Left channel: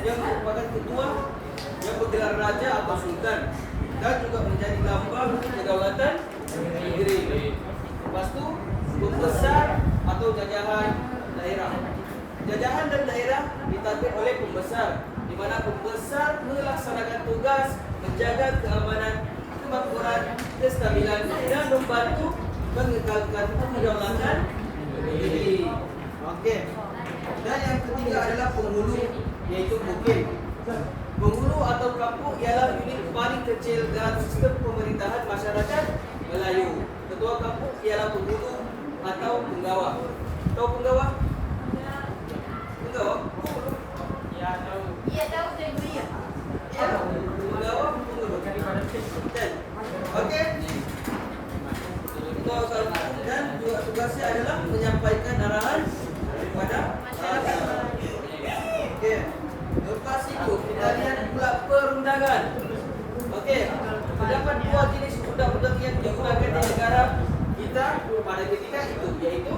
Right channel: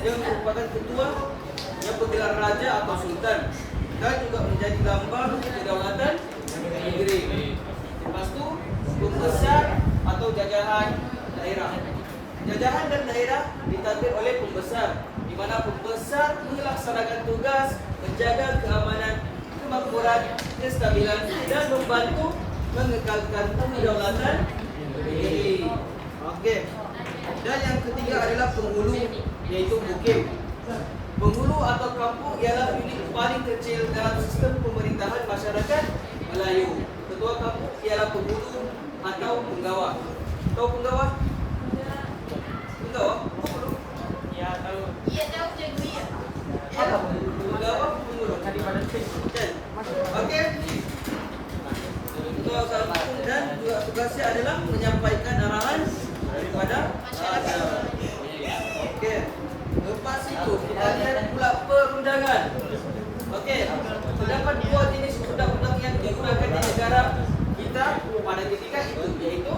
yang merupakan ketua yang bergelar raja atau sultan dan juga menjadi lambang kedaulatan negeri. Lepas tu pembesar atau jajahan daerah. Jajahan dan daerah ditadbir oleh pembesar, di mana pembesar melaksanakan tugas menjaga keamanan, kemakmuran, kestabilan dan membantu mengekalkan kedaulatan negeri. Okey. Dan yang ketiga adalah penghulu, yaitu mukim. Penghulu atau kampung ialah unit paling kecil dalam sistem pemerintahan masyarakat Melayu. Ketua kampung ialah penghulu atau penggawa. Tahu penggawa? Penggawa? Penghulu? Ya, tahu. Iya tahu cikgu ya. Ya, penggawa, penghulu. Kan? Okey. Ketua kampung dan juga tugasnya adalah menyampaikan arahan daripada Masyarakat. Okey. Lepas itu kita lihat pula perundangan. Okey. Terdapat dua jenis undang-undang yang digunakan di negara kita pada ketika itu, yaitu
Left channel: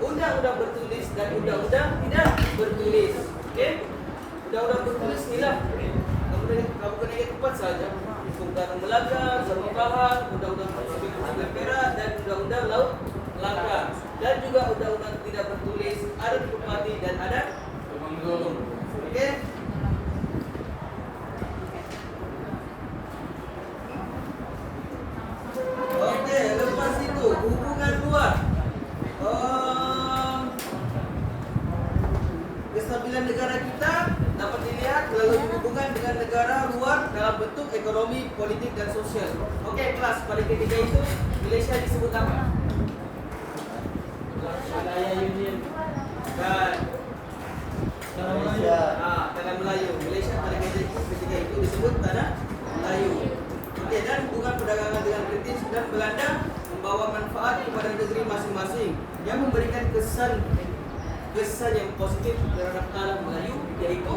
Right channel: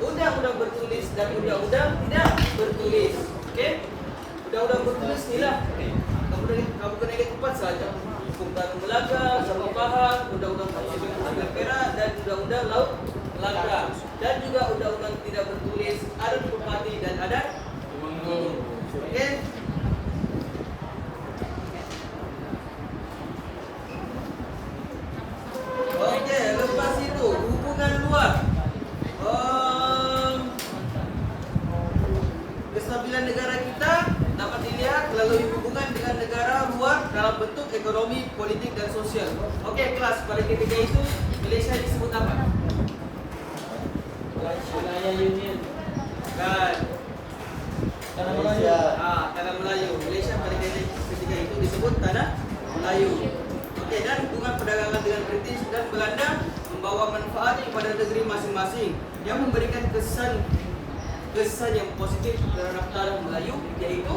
undang-undang bertulis dan undang-undang tidak bertulis. Okey. Undang-undang bertulis inilah kamu kena ingat empat saja. Hukum Tanah Melaka, Sarung Pahang, Undang-undang Pusat Perak dan Undang-undang Laut Melaka. Dan juga undang-undang tidak bertulis, adat bupati dan adat gunung. Okey. Okey, lepas itu hubungan luar. Kestabilan negara kita dapat dilihat melalui hubungan dengan negara luar dalam bentuk ekonomi, politik dan sosial. Okey, kelas pada ketika itu Malaysia disebut apa? Wilayah Union. Kan. Tanah Melayu. Tanah Melayu. Malaysia pada ketika itu disebut Tanah Melayu. Okey, dan hubungan perdagangan dengan British dan Belanda membawa manfaat kepada negeri masing-masing yang memberikan kesan yang positif terhadap tanah Melayu, iaitu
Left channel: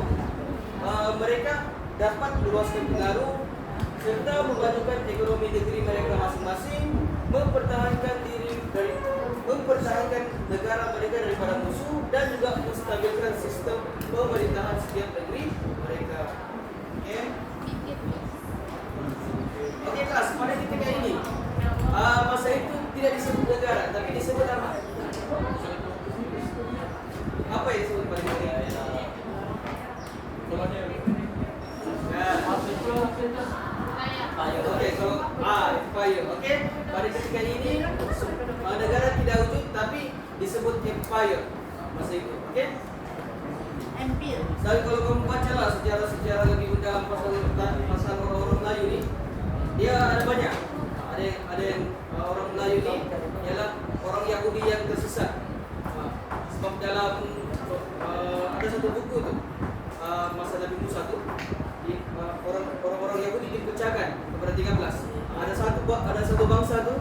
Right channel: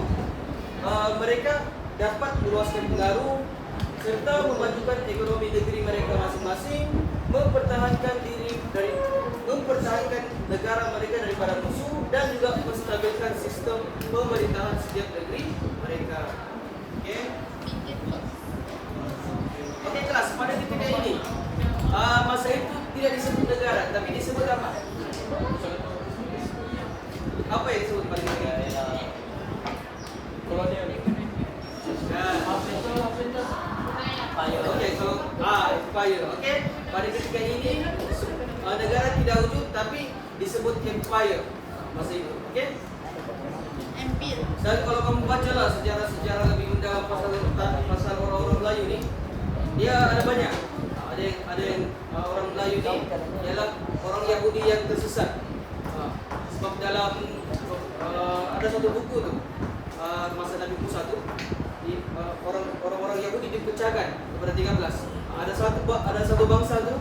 mereka dapat meluaskan pengaruh serta memajukan ekonomi negeri mereka masing-masing, mempertahankan negara mereka daripada musuh dan juga menstabilkan sistem pemerintahan setiap negeri mereka. Okey. Okey kelas, pada ketika ini masa itu tidak disebut negara tapi disebut apa? Apa yang disebut pada ketika ini? Kolonial. Okey, so empire. Okey, pada ketika ini negara tidak wujud tapi disebut empire masa itu. Okey. Empire. Dan kalau kamu bacalah sejarah lebih mendalam pasal orang-orang Melayu ni, dia ada banyak. Ada yang orang Melayu ni ialah orang Yahudi yang tersesat. Sebab dalam ada satu buku tu masa Nabi Musa tu, orang-orang Yahudi dipecahkan kepada 13. Ada satu bangsa tu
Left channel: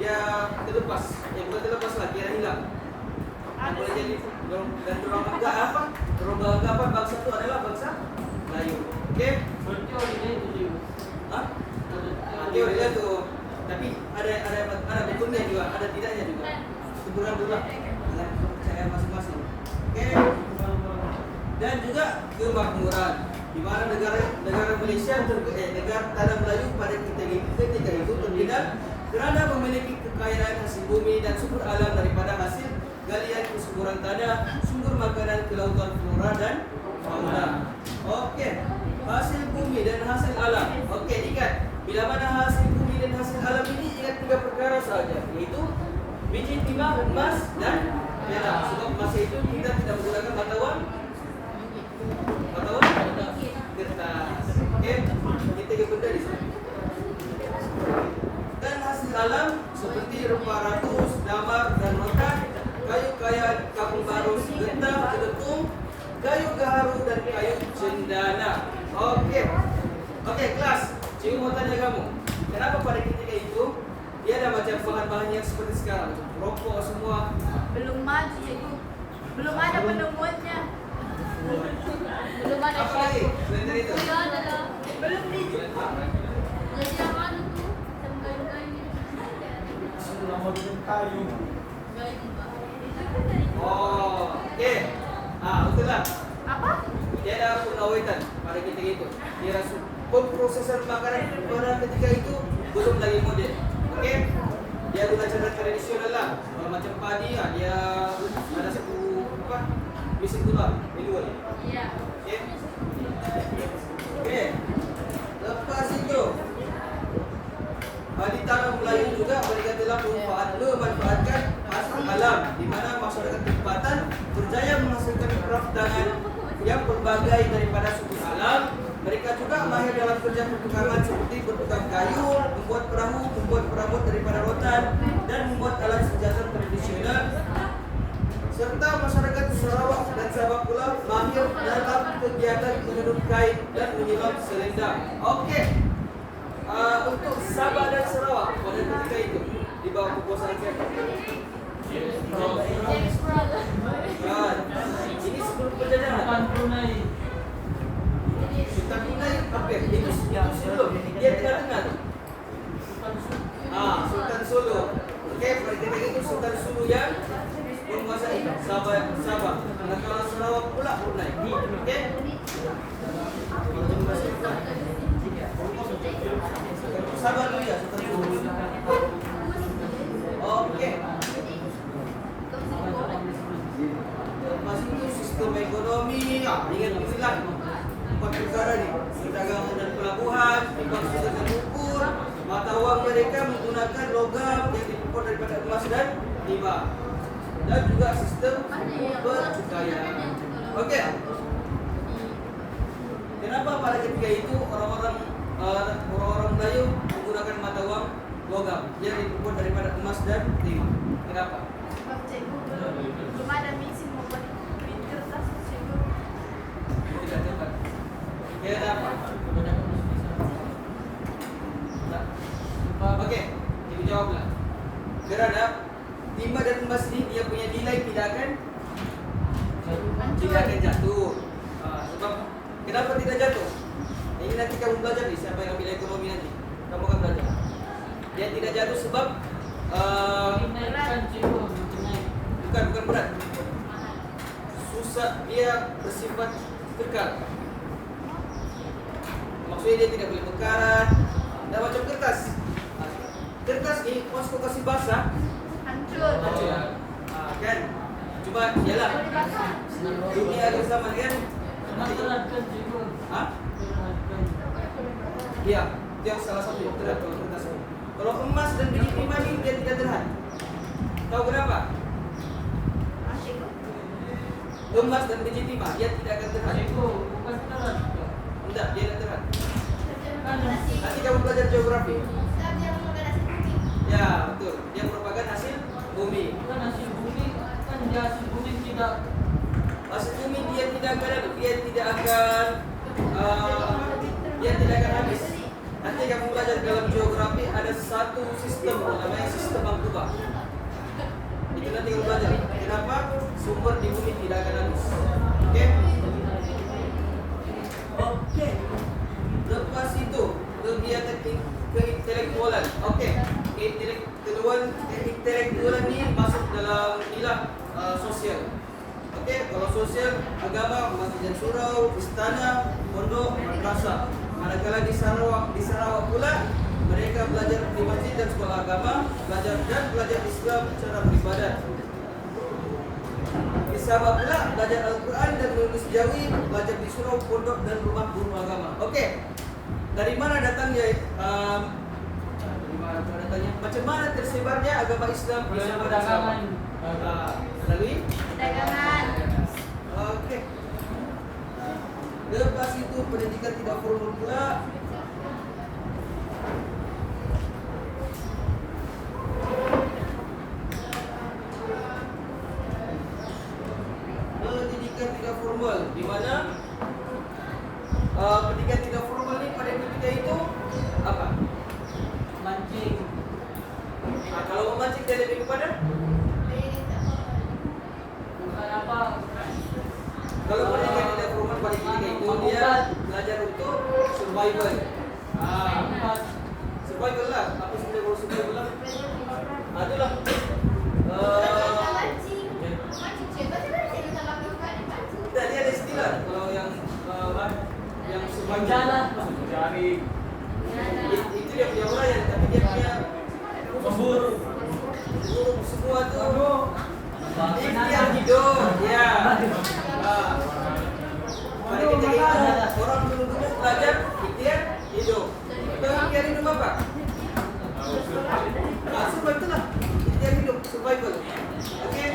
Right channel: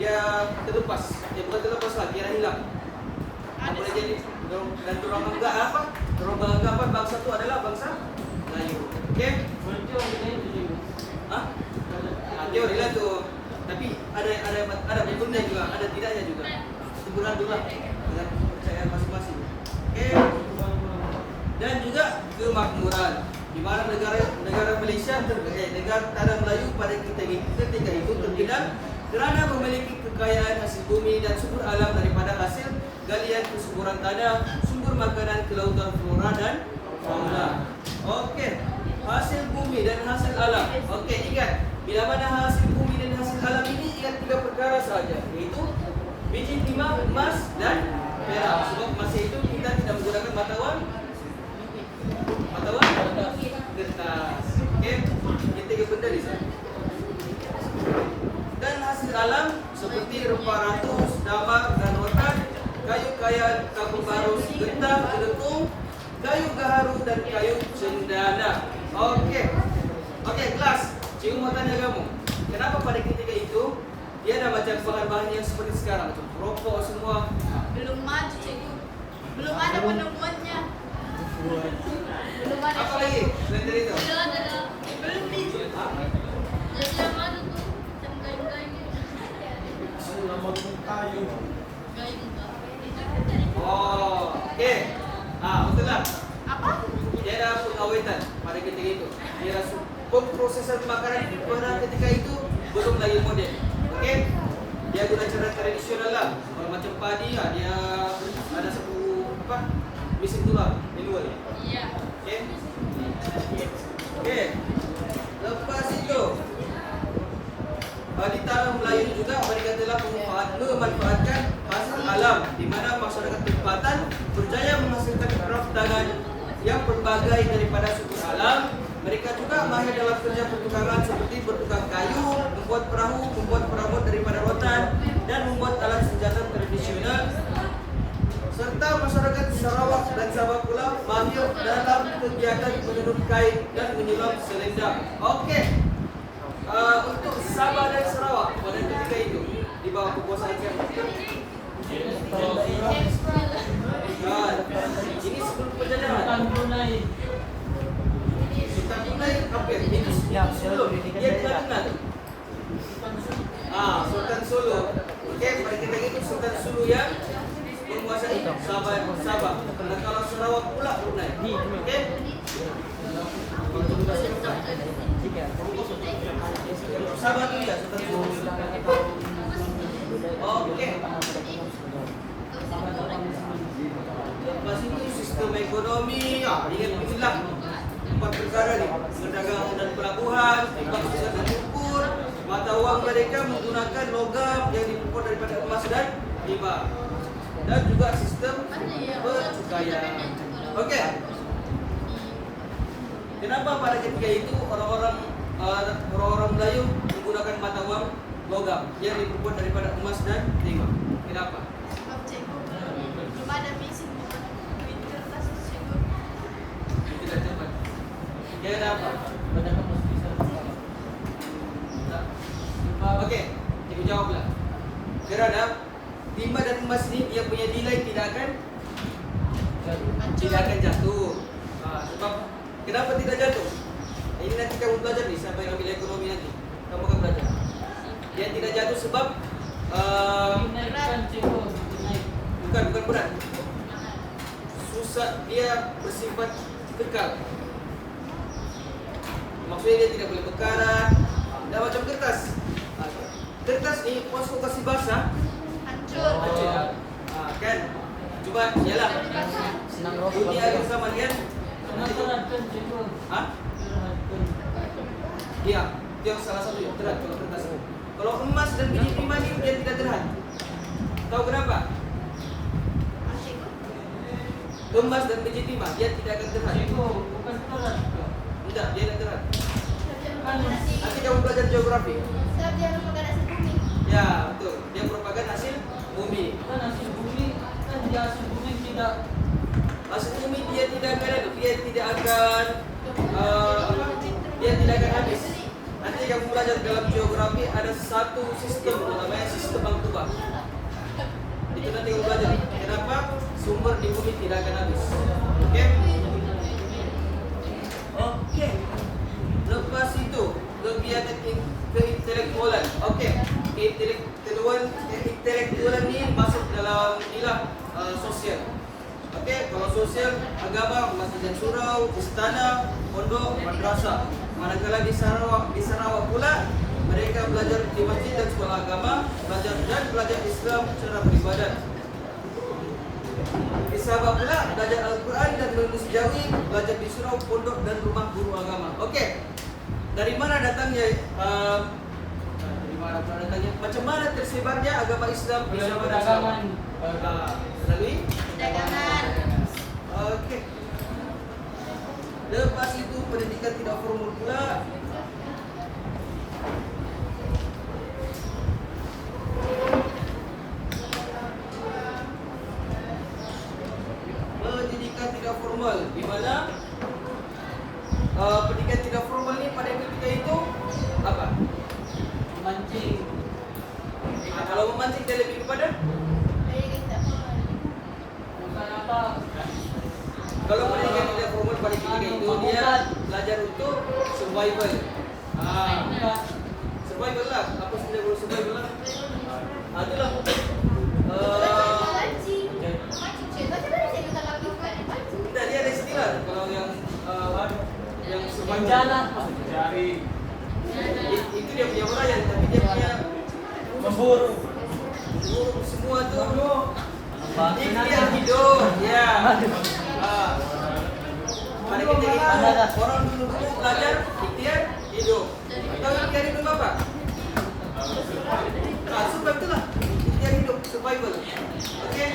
dia terlepas. Bukan terlepas lah, kira hilang. Boleh jadi dan orang bangga apa? Orang bangga apa bangsa tu adalah bangsa Melayu. Okey? Teori lah tu. Tapi ada betulnya juga, ada tidaknya juga. Sebulan dulu lah dengan kepercayaan masing-masing. Okey. Dan juga kemakmuran. Di mana negara Malaysia negara tanah Melayu pada ketika itu terkenal kerana memiliki kekayaan hasil bumi dan sumber alam daripada hasil galian kesuburan tanah, sumber makanan, kelautan, flora dan fauna. Okey, hasil bumi dan hasil alam. Okey, ingat bila mana hasil bumi dan hasil alam ini, ingat tiga perkara sahaja, yaitu biji timah, emas dan perak. Sebab masa itu kita tidak menggunakan mata wang kertas. Okey, ini tiga benda di sana. Dan hasil alam seperti rupa ratus, damar dan rotan, kayu kaya kampung baru, getah, geletung, kayu gaharu dan kayu cendana. Okey. Okey, kelas. Cikgu mau tanya kamu, kenapa pada ketika itu dia ada macam bahan-bahan yang seperti sekarang tu? Rokok semua. Belum maju cikgu. Belum ada penemuannya. Belum ada. Apa lagi? Selain dari itu? Belum di. Kayu. Oh, okey. Betul lah. Apa? tiada pengawetan pada ketika itu. Tiada pemprosesan makanan pada ketika itu belum lagi modern. Okey, dia guna cara tradisional lah. Kalau macam padi, dia ada satu apa mesin tular manual. Iya. Okey. Okey. Lepas itu ditanam Melayu juga mereka telah memanfaatkan hasil alam di mana masyarakat tempatan berjaya menghasilkan craft tangan yang berbagai daripada sumber alam. Mereka juga mahir dalam kerja pertukangan seperti bertukang kayu, membuat perahu, membuat perabot daripada rotan dan membuat alat senjata tradisional. Serta masyarakat Sarawak dan Sabah pula mahir dalam kegiatan menenun kain dan menyelam selendang. Okey. Untuk Sabah dan Sarawak pada ketika itu di bawah kekuasaan siapa? Ini sebelum penjajahan. Sultan Brunei apa? Itu sebelum dia tidak dengar tu. Sultan Sulu. Okey, pada ketika itu Sultan Sulu yang menguasai Sabah. Kalau Sarawak pula Brunei. Okey. Sabah tu ya, Sultan Sulu. Okey. Lepas itu sistem ekonomi, ingat inilah empat perkara ni: perdagangan dan pelabuhan, timbang surat dan ukur, mata wang mereka menggunakan logam yang diperkuat daripada emas dan timah, dan juga sistem percukaian. Okey. Kenapa pada ketika itu orang-orang Melayu menggunakan mata wang logam yang diperkuat daripada emas dan timah? Kenapa? Sebab cikgu belum ada mesin membuat print kertas cikgu. Tidak tepat. Dia kenapa? Okey, ibu jawablah. Kerana timah dan emas ini dia punya nilai tidak akan jatuh. Sebab kenapa tidak jatuh? Ini nanti kamu belajar nih, siapa yang ambil ekonomi nanti. Kamu akan belajar. Dia tidak jatuh sebab bukan berat. Susah, dia bersifat kekal. Maksudnya dia tidak boleh bekarat. Dan macam kertas. Kertas ni pas kau kasih basah, Hancur. kan? Cuma yalah. Dunia ada sama kan? Ya, dia salah satu yang terhad kalau kertas. Kalau emas dan biji timah ni dia tidak terhad. Tahu kenapa? Emas dan biji timah dia tidak akan terhad. Tidak, dia tidak terhad. Nanti kamu belajar geografi. Ya, betul. Dia merupakan hasil bumi. Hasil bumi dia tidak akan habis. Nanti kamu belajar dalam geografi ada satu sistem namanya sistem Bangtuba. Itu nanti kamu belajar. Kenapa sumber di bumi tidak akan habis? Okey. Okey. Lepas itu kegiatan keintelektualan. Okey. Intelektualan ni masuk dalam inilah sosial. Okey, kalau sosial agama masjid dan surau, istana, pondok, madrasah. Manakala di Sarawak pula mereka belajar di masjid dan sekolah agama, belajar Islam secara beribadat. Di Sabah pula belajar Al-Quran dan menulis Jawi, belajar di surau, pondok dan rumah guru agama. Okey. Dari mana datangnya macam mana tersebarnya agama Islam di Sabah dan Sarawak? Melalui Dagangan. Okey. Lepas itu pendidikan tidak formal pula. Pendidikan tidak formal di mana pendidikan tidak formal ni pada ketika itu apa? Mancing. Kalau memancing dia lebih kepada kalau pendidikan tidak formal pada ketika itu dia belajar untuk survival. Survival lah. Apa sebenarnya kalau survival lah? Itulah. Tidak, dia ada istilah. Kalau yang Bencana. Itu dia punya orang tapi dia punya Memburu. semua tuh. Ikhtiar hidup, ya. Pada kita ingat orang dulu belajar ikhtiar hidup. Tahu ikhtiar hidup apa? Survival itulah ikhtiar hidup, survival. Oke.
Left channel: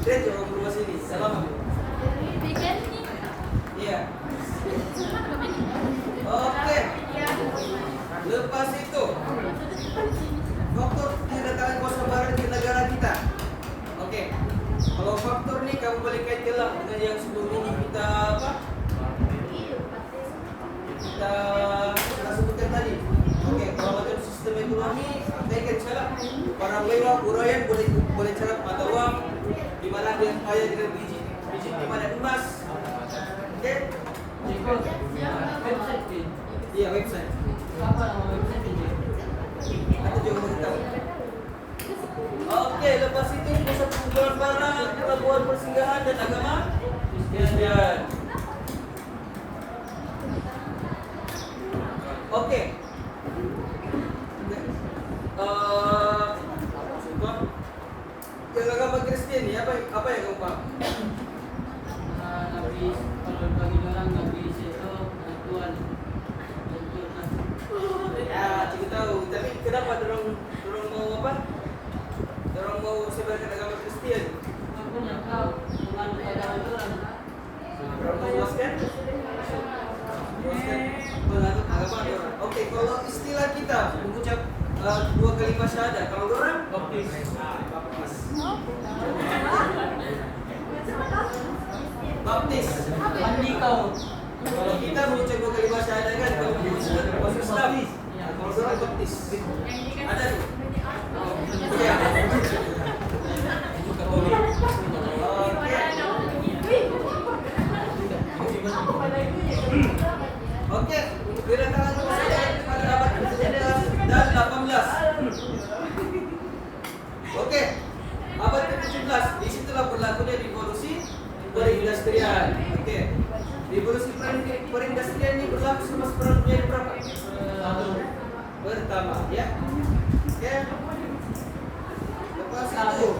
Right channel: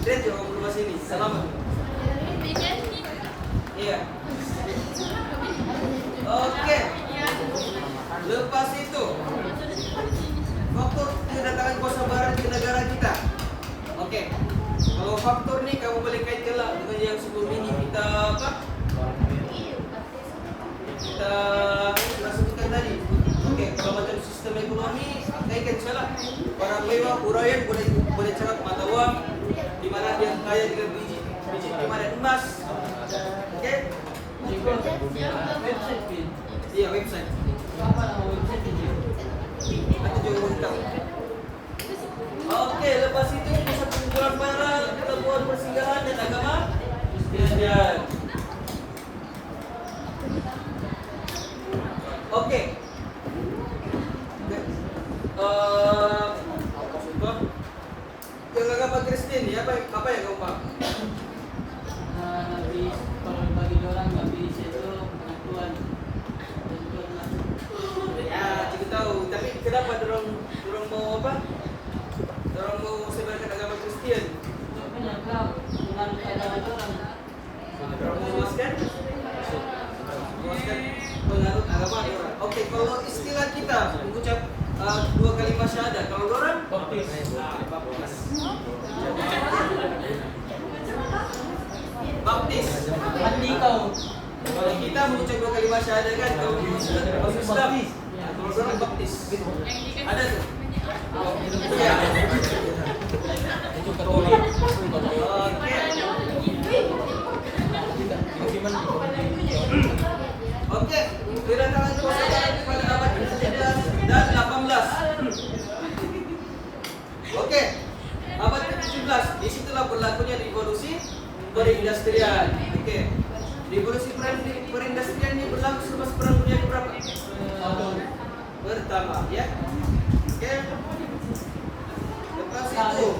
Keren juga ngomong bahasa ini. Selamat. Iya. Oke. Lepas itu, faktor kedatangan kuasa barat di negara kita. Oke. Kalau faktor ini kamu boleh kaitkanlah dengan yang sebelum ini kita apa? Kita sebutkan tadi. Oke, kalau macam sistem ekonomi, kaitkan salah. Barang mewah, uraian boleh cerak mata uang, di mana dia kaya dengan biji di mana emas. Oke? Iya, website. Atau juga beritahu. Oke, lepas itu pusat pengumpulan barang, pelabuhan persinggahan dan agama Kristian. Oke. Yang agama Kristen ini apa yang kamu paham? Nabi, kalau bagi orang Nabi itu Tuhan. Ya, kita tahu. Tapi kenapa dorong mau apa? Dorong mau sebarkan agama Kristen? Dorong mau luaskan? Menganut agama orang. Oke, kalau istilah kita mengucap dua kalimat syahadat, kalau orang Baptis. Baptis. Mandi kau. Kalau kita mengucap dua kalimat syahadat kan kalau Muslim, masuk Islam. Kalau orang baptis. Ada tuh. Iya. Oke, kedatangan kuasa pada abad ke-17 dan 18. Oke, abad ke-17 disitulah berlakunya revolusi perindustrian. Oke, revolusi perindustrian ini berlaku semasa perang dunia berapa? Pertama, ya. Oke. Lepas itu,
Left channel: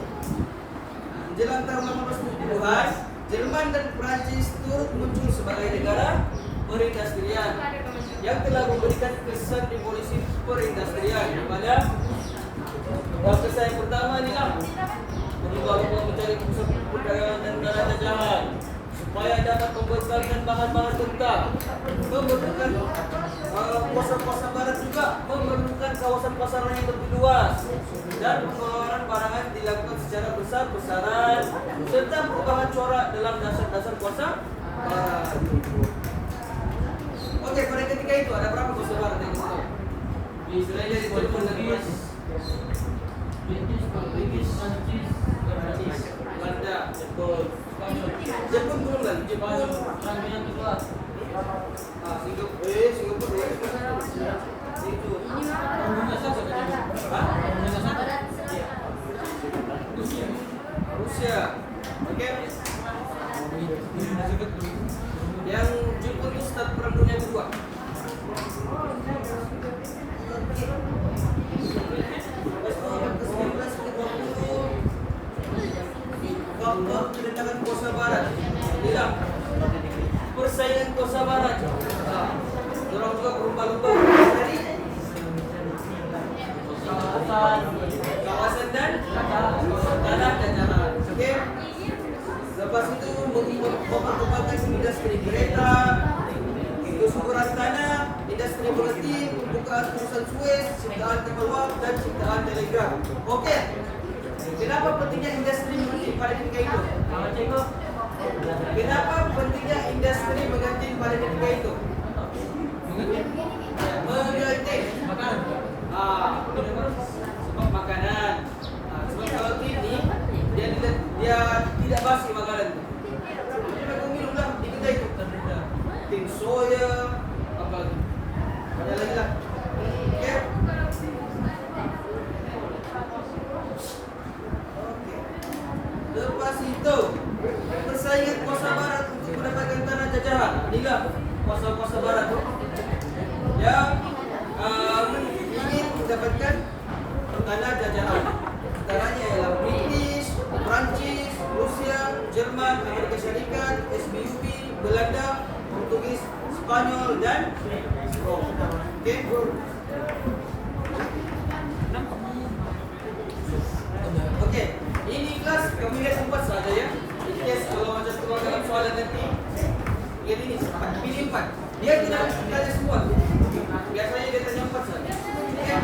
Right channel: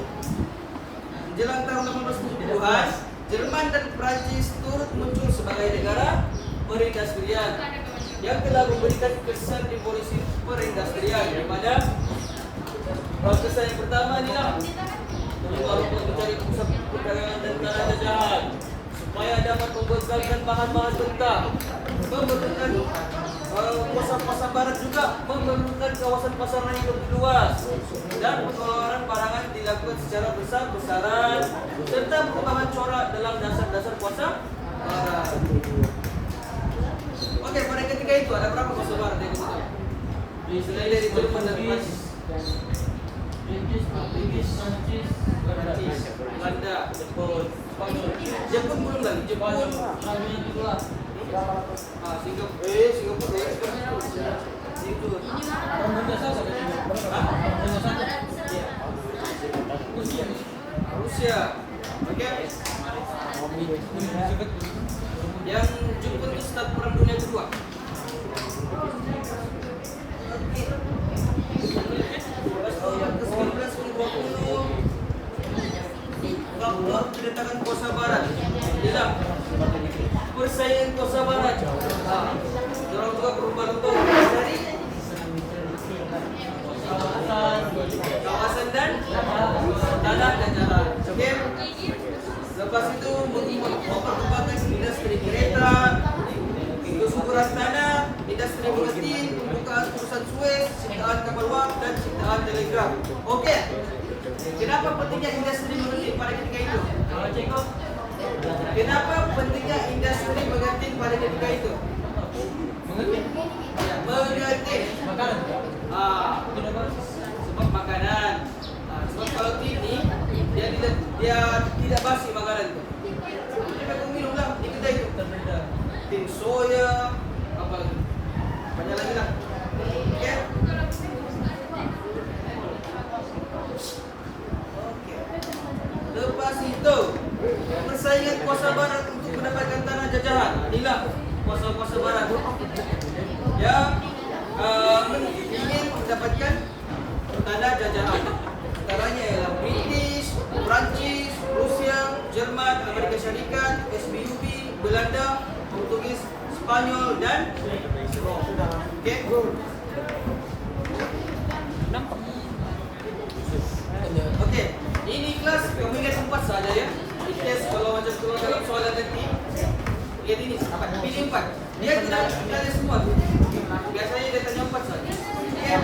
menjelang tahun 1870-an, Jerman dan Prancis turut muncul sebagai negara perindustrian yang telah memberikan kesan revolusi perindustrian kepada kesan yang pertama inilah mengubah mencari pusat perdagangan dan tanah jajahan supaya dapat membekalkan bahan-bahan mentah, memerlukan kuasa pasar barat juga memerlukan kawasan pasar yang lebih luas dan pengeluaran barangan dilakukan secara besar-besaran serta perubahan corak dalam dasar-dasar kuasa barat. Oke, pada ketika itu ada berapa kuasa barat yang kita tahu? Selain dari Jerman dan Prancis, Belanda, Jepun belum lagi. Jepun, Singapura, Rusia, oke. Yang Jepun itu start perang dunia kedua. Yang ke-1950 waktu kedatangan kuasa barat, hilang persaingan kuasa barat. Orang juga berlomba-lomba dari kawasan dan tanah dan jalan. Oke. Lepas itu memperkembangkan industri kereta, kesuburan tanah, industri mengerti, pembukaan urusan Suez, ciptaan kapal wap dan ciptaan telegraf. Oke. Kenapa pentingnya industri mengerti pada ketika itu? Kenapa pentingnya industri mengerti pada ketika itu? Mengerti. Sebab makanan. Sebab kalau ini dia tidak basi makanan itu. Jadi aku minum lah di kedai itu. Tin soya, apa lagi? Banyak lagi lah. Ya. Lepas itu persaingan kuasa barat untuk mendapatkan tanah jajahan. Inilah kuasa-kuasa barat yang ingin mendapatkan tanah jajahan. Antaranya ialah British, Prancis, Rusia, Jerman, Amerika Syarikat, SBUP, Belanda, Portugis, Spanyol dan Rom. Okey. Okey, ini kelas kami lihat 4 saja ya. Ikhlas kalau macam keluar dalam soalan nanti. Lihat ini 4, pilih 4. Dia tidak tanya semua. Biasanya dia tanya 4 saja. Okey.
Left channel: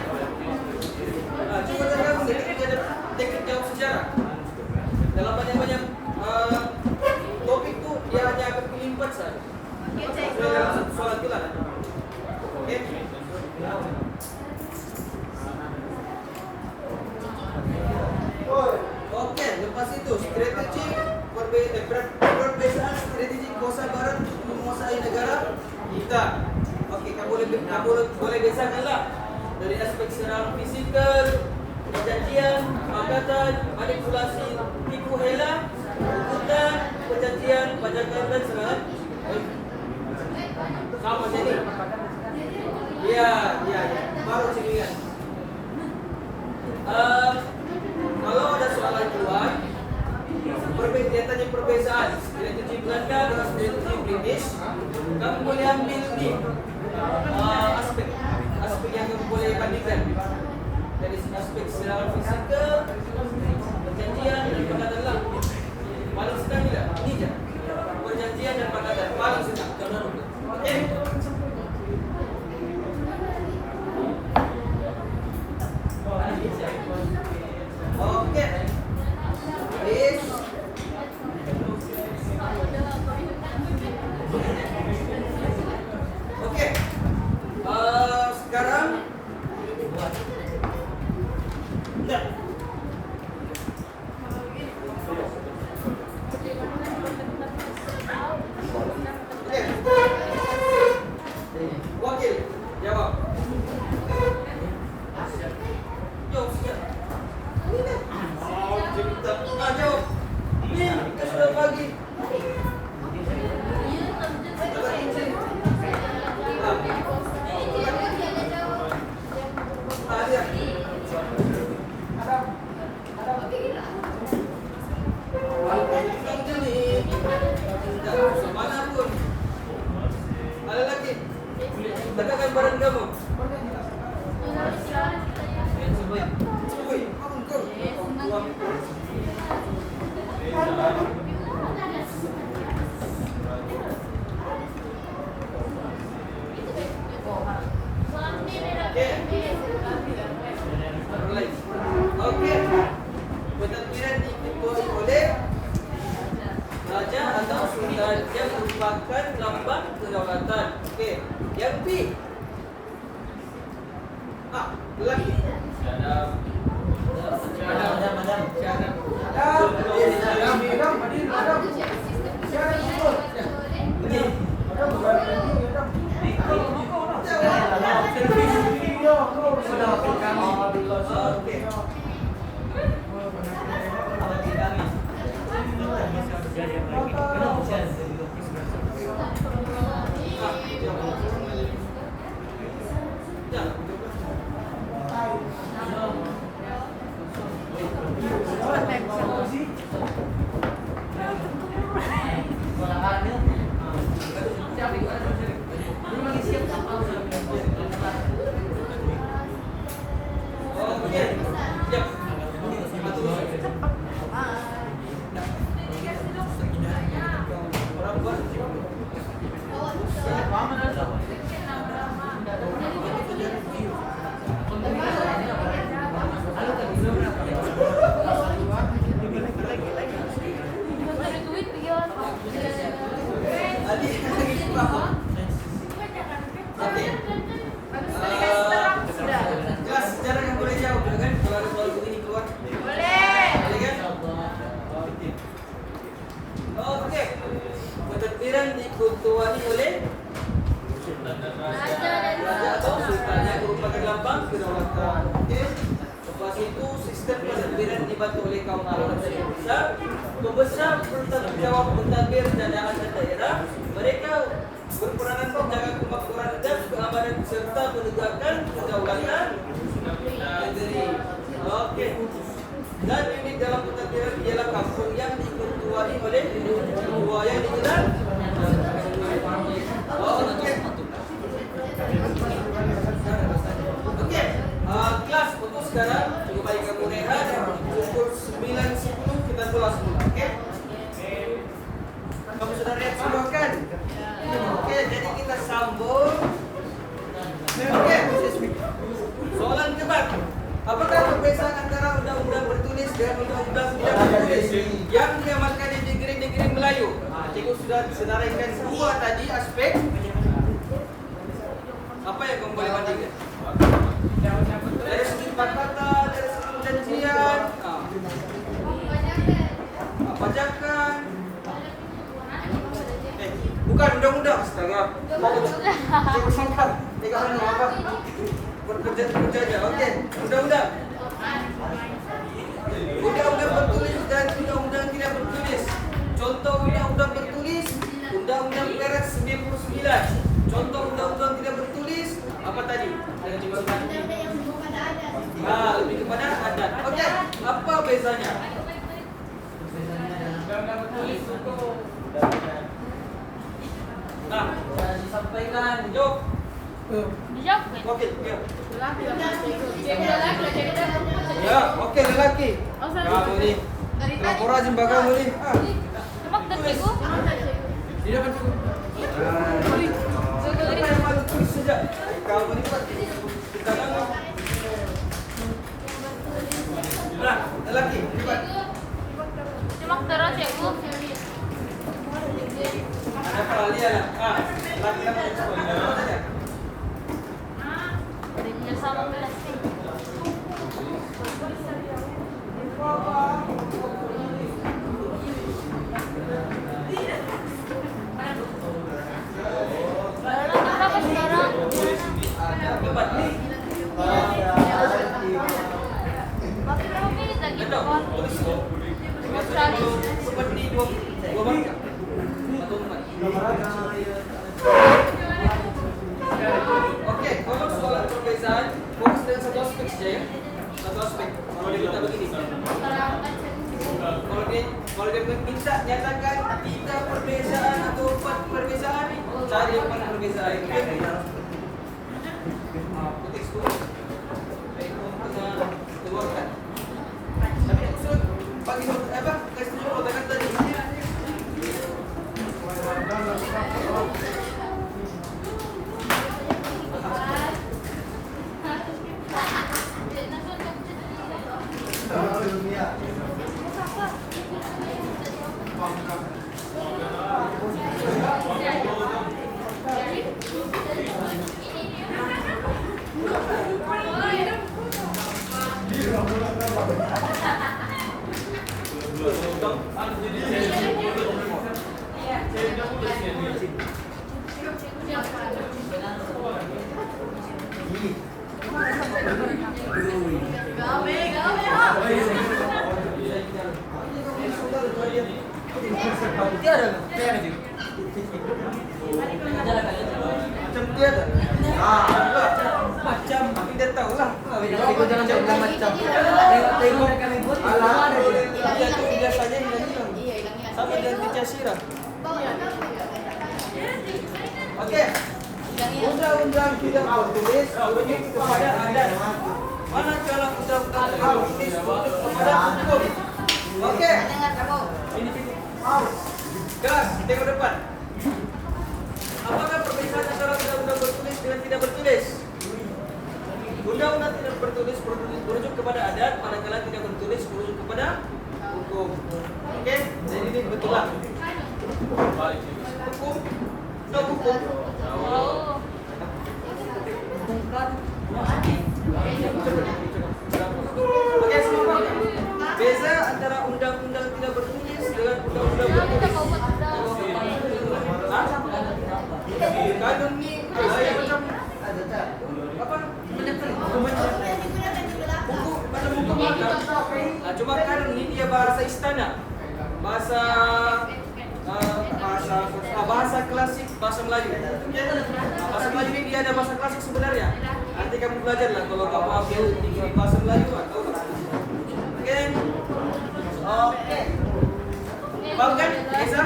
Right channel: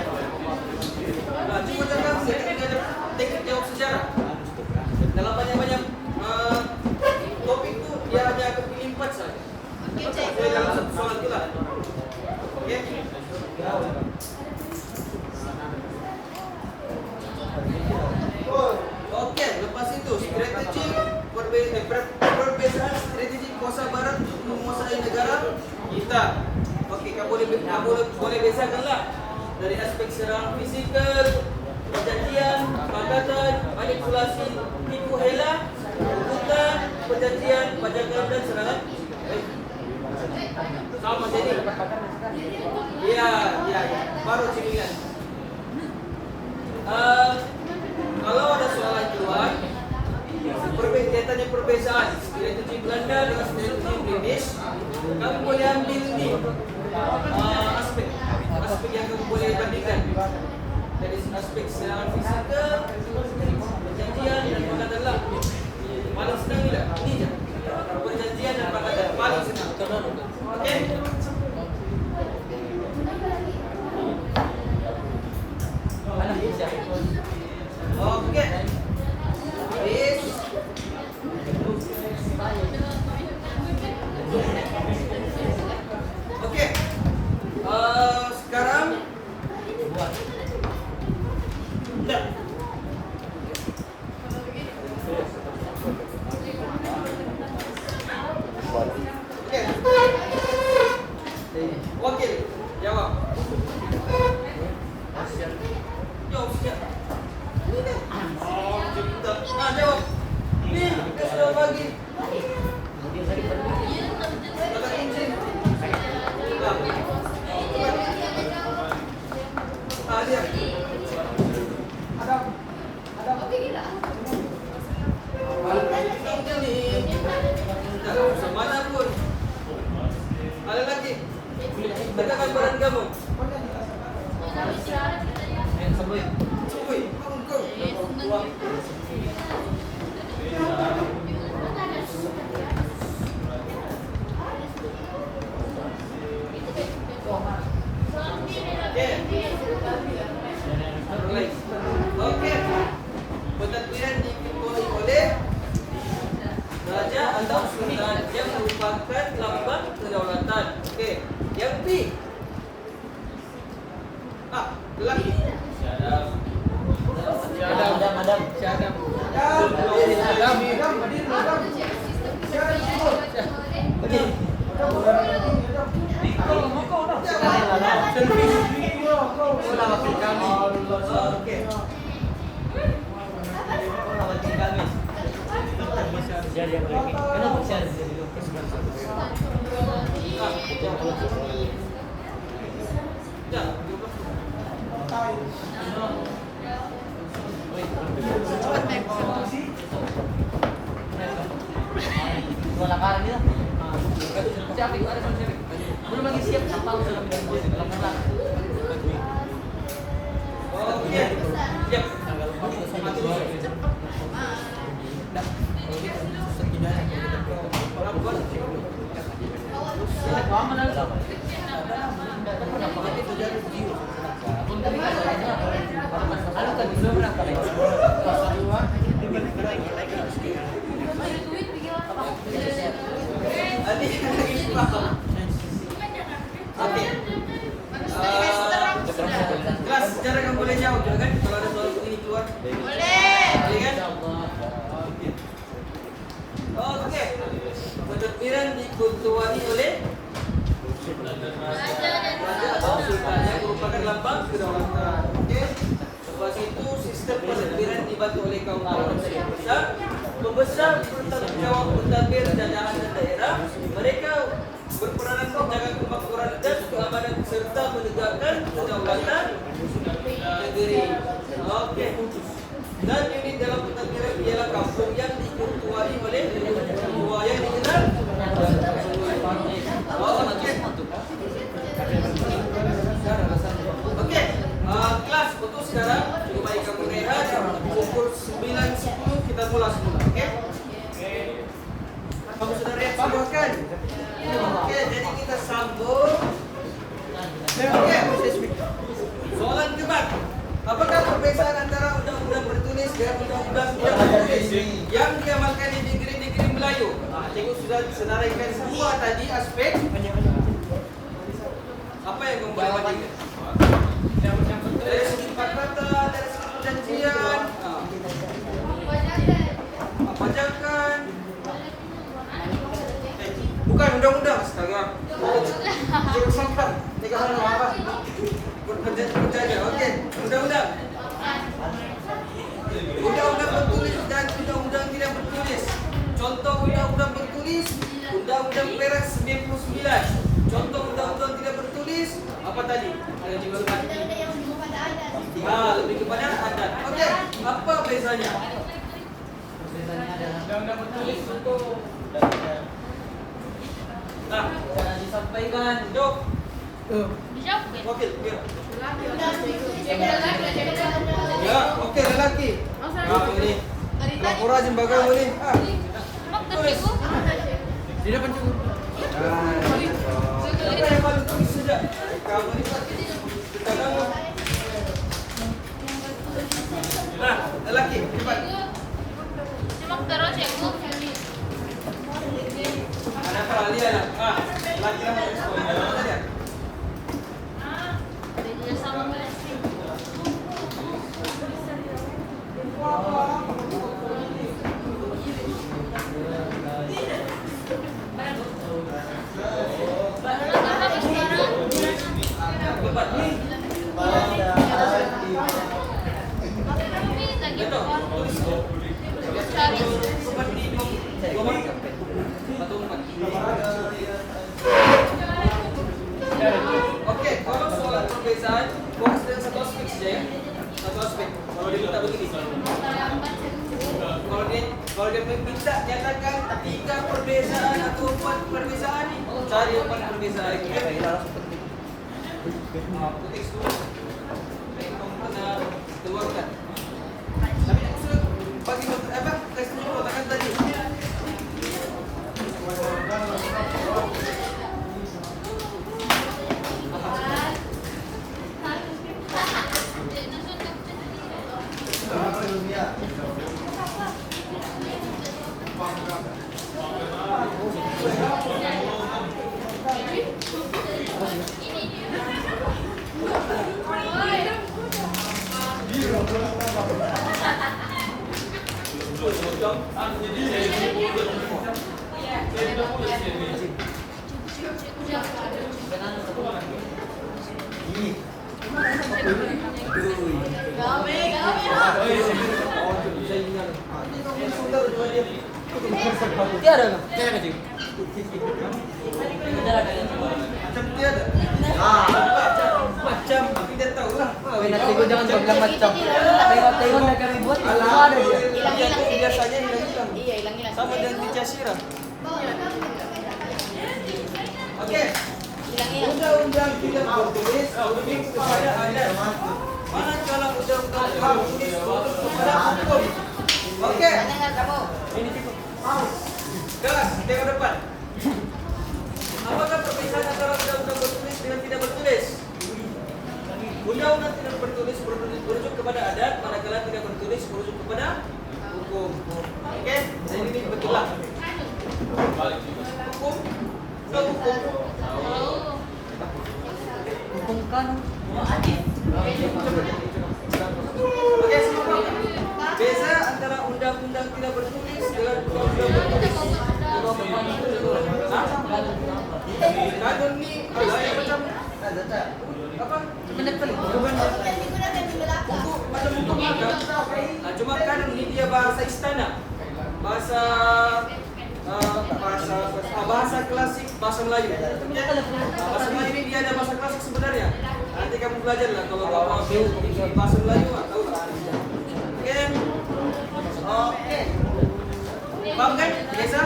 Nah, cuba jangan dia ada teknik jawab sejarah. Dalam banyak-banyak topik tu dia hanya akan pilih 4 saja. Okey, Okey, cikgu. dalam satu soalan itulah. Okey. Okey, lepas itu strategi perbezaan strategi kuasa barat untuk menguasai negara kita. Okey, kamu boleh bezakanlah dari aspek serangan fizikal, perjanjian, angkatan, manipulasi, tipu hela, hutan, perjanjian, pajakan dan serangan. Sama jadi. Ya. Baru cirian. Kalau ada soalan jual, dia tanya perbezaan strategi Belanda dengan strategi British, kamu boleh ambil ni aspek yang kamu boleh bandingkan dari aspek serangan fizikal, perjanjian dan pangkatan lah. Paling senang ni lah, ini je. Perjanjian dan pangkatan paling senang. Okey. Okey. Habis. Okey. Sekarang dah. Okey. Wakil jawab. Jawab sikit. Jawab. Ni, kita sudah bagi. Dia. Mana pun. Ada lagi. Tegakkan badan kamu. Okey. Pentadbiran diikuti oleh raja atau sultan yang merupakan lambang kedaulatan. Okey. Yang B. Lelaki. Okey. Kelas sejarah kamu boleh jawab juga kan? Kalau ada soal begini keluar. Boleh. Boleh kan? Okey. Okey. Pentadbiran diketuai oleh raja atau sultan yang merupakan lambang kedaulatan. Okey. Lepas itu sistem pentadbiran dibantu oleh kaum ulama besar. Pembesar bertanggung jawab pentadbir daerah dan daerah. Mereka berperanan menjaga kemakmuran dan keamanan serta menegakkan kedaulatan negeri. Oke. Dan ini dalam pentadbiran ialah kampung yang diketuai oleh ketua yang digelar. Oke. Oke. Kelas untuk sekarang lebih baik kamu rehat. Pukul 9.10 kita mulai semula. Oke. Kamu sudah rehat semua kan? Oke, jadi kita sambung. Oke. Soalan keempat. Apakah perbedaan antara undang-undang bertulis dengan undang-undang tidak bertulis yang diamalkan di negeri-negeri Melayu? Cikgu sudah senaraikan dua tadi aspek. Apa yang kamu boleh bandingkan? Dari segi kata, dari segi perjanjian, pajakan. Bukan undang-undang, astaga. Cikgu sangkal. Tiga hari apa? Berkerja. Okey. Undang-undang. Undang-undang bertulis dan undang-undang tidak bertulis. Contoh undang-undang bertulis, Undang-Undang Perak 99. Contoh undang-undang tidak bertulis, apa tadi? Yang cikgu katakan. Yang lebih kepada adat. Lebih kepada adat. Okey. Apa bezanya? Undang-undang bertulis itu Disampaikan. Dok. Dijawab. Wakil. Ya. Ya. Ya, okey lelaki. Ya, boleh. Laporan jembaga boleh. Tulis. Di depan tu. Siapa yang malu tulis saja? Kamu ni Pak. Kita kamu. Nah, lelaki. Cepat. Ada apa Alia nak? Lelaki nama sekolah. Saja. Cepat ni. Betul. Tulis. Seperti dua markah. Atau empat. Okey, kalau soalan perbezaan, fokus dengan satu aspek saja ya. Satu aspek. Kalau dia minta begini. Kalau dia minta nyatakan 3 perbezaan atau 4 perbezaan, cari 4 perbezaan. Putih dulu. Kamu kena keluarkan. Tapi aku suruh bagi apa? Kasih dulu kotakan tadi. Tiada. Macam tiada. Macam tidak tahu lah. Tengok jangan bilang macam. Tengok ribut. Dia tu biasanya hilang-hilang. Iya, hilang-hilang. Sama dengan di Jasira. Okey. Undang-undang tidak bertulis merujuk kepada adat. Manakala undang-undang bertulis merujuk kepada hukum. Okey. Ini cukup. Kelas, tengok depan. Apakah perbedaan antara undang-undang bertulis dengan tidak bertulis? Undang-undang tidak bertulis merujuk kepada adat, manakala tidak bertulis merujuk kepada hukum. Okey, jadi ini betul lah. Hukum, no hukum. Hukum kan? Okey, simpel. Beza antara undang-undang tidak bertulis dengan undang-undang bertulis. Kanun ni ala yang macam apa? Buku macam buku makan. dia bahasa istana, bahasa bahasa klasik, bahasa Melayu. Bahasa Melayu ini dia ada bahasa klasik sebenarnya. Nanti kamu belajar lah kalau kamu ambil degree bahasa Melayu, tahu lah. Oke, oke. Paham kan? Biasa?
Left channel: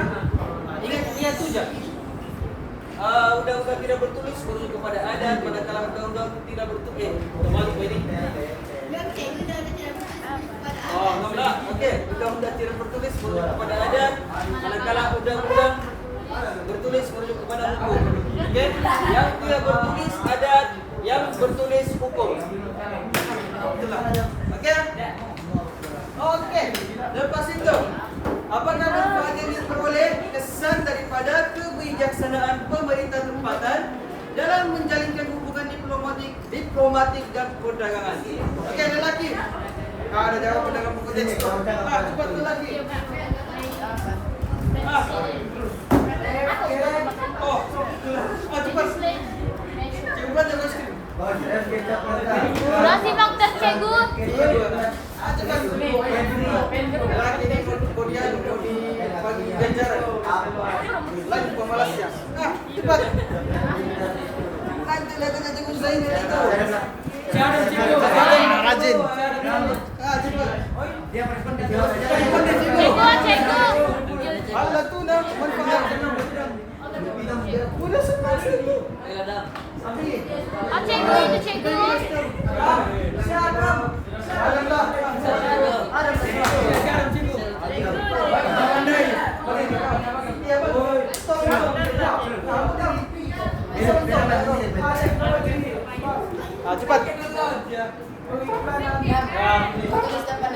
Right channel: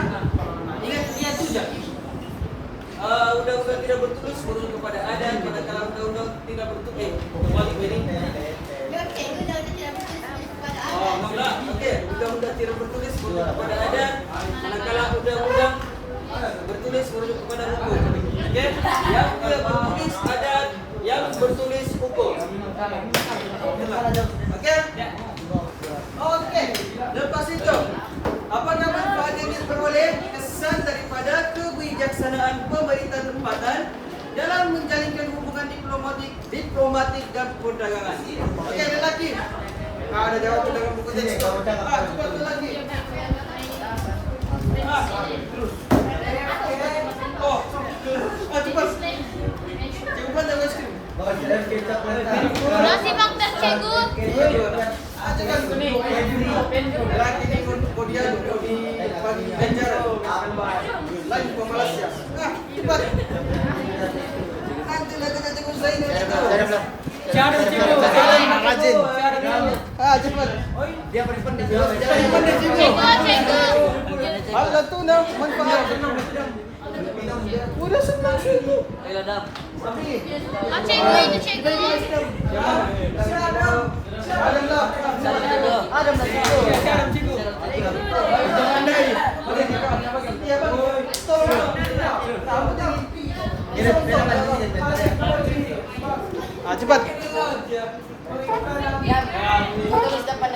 Ingat niat tu je. Undang-undang tidak bertulis merujuk kepada adat, manakala undang-undang tidak bertulis. Kembali ini. Oh, enggak. Okey, undang-undang tidak bertulis merujuk kepada adat, manakala undang-undang bertulis merujuk kepada hukum. Okey, yang tidak bertulis adat, yang bertulis hukum. Okey? Okey. Lepas itu, apakah manfaat yang diperoleh kesan daripada kebijaksanaan pemerintah tempatan dalam menjalinkan hubungan diplomatik dan perdagangan? Okey, lelaki. Ada jawapan dalam buku teks tu. Cepat lelaki. Cepat. Cikgu buat jangan skrin. Masih faktor cikgu. Cepat. Lelaki ni kau dia kau di bagi ganjaran. Lagi pemalas ya. Cepat. Nanti lagi cikgu Zain itu. Siapa cikgu? Rajin. Cepat. Dia pandai cikgu. Cikgu. Ada tu dah manfaat. Udah semua cikgu. Ladang. Cikgu itu cikgu. Cepat. Tulis depan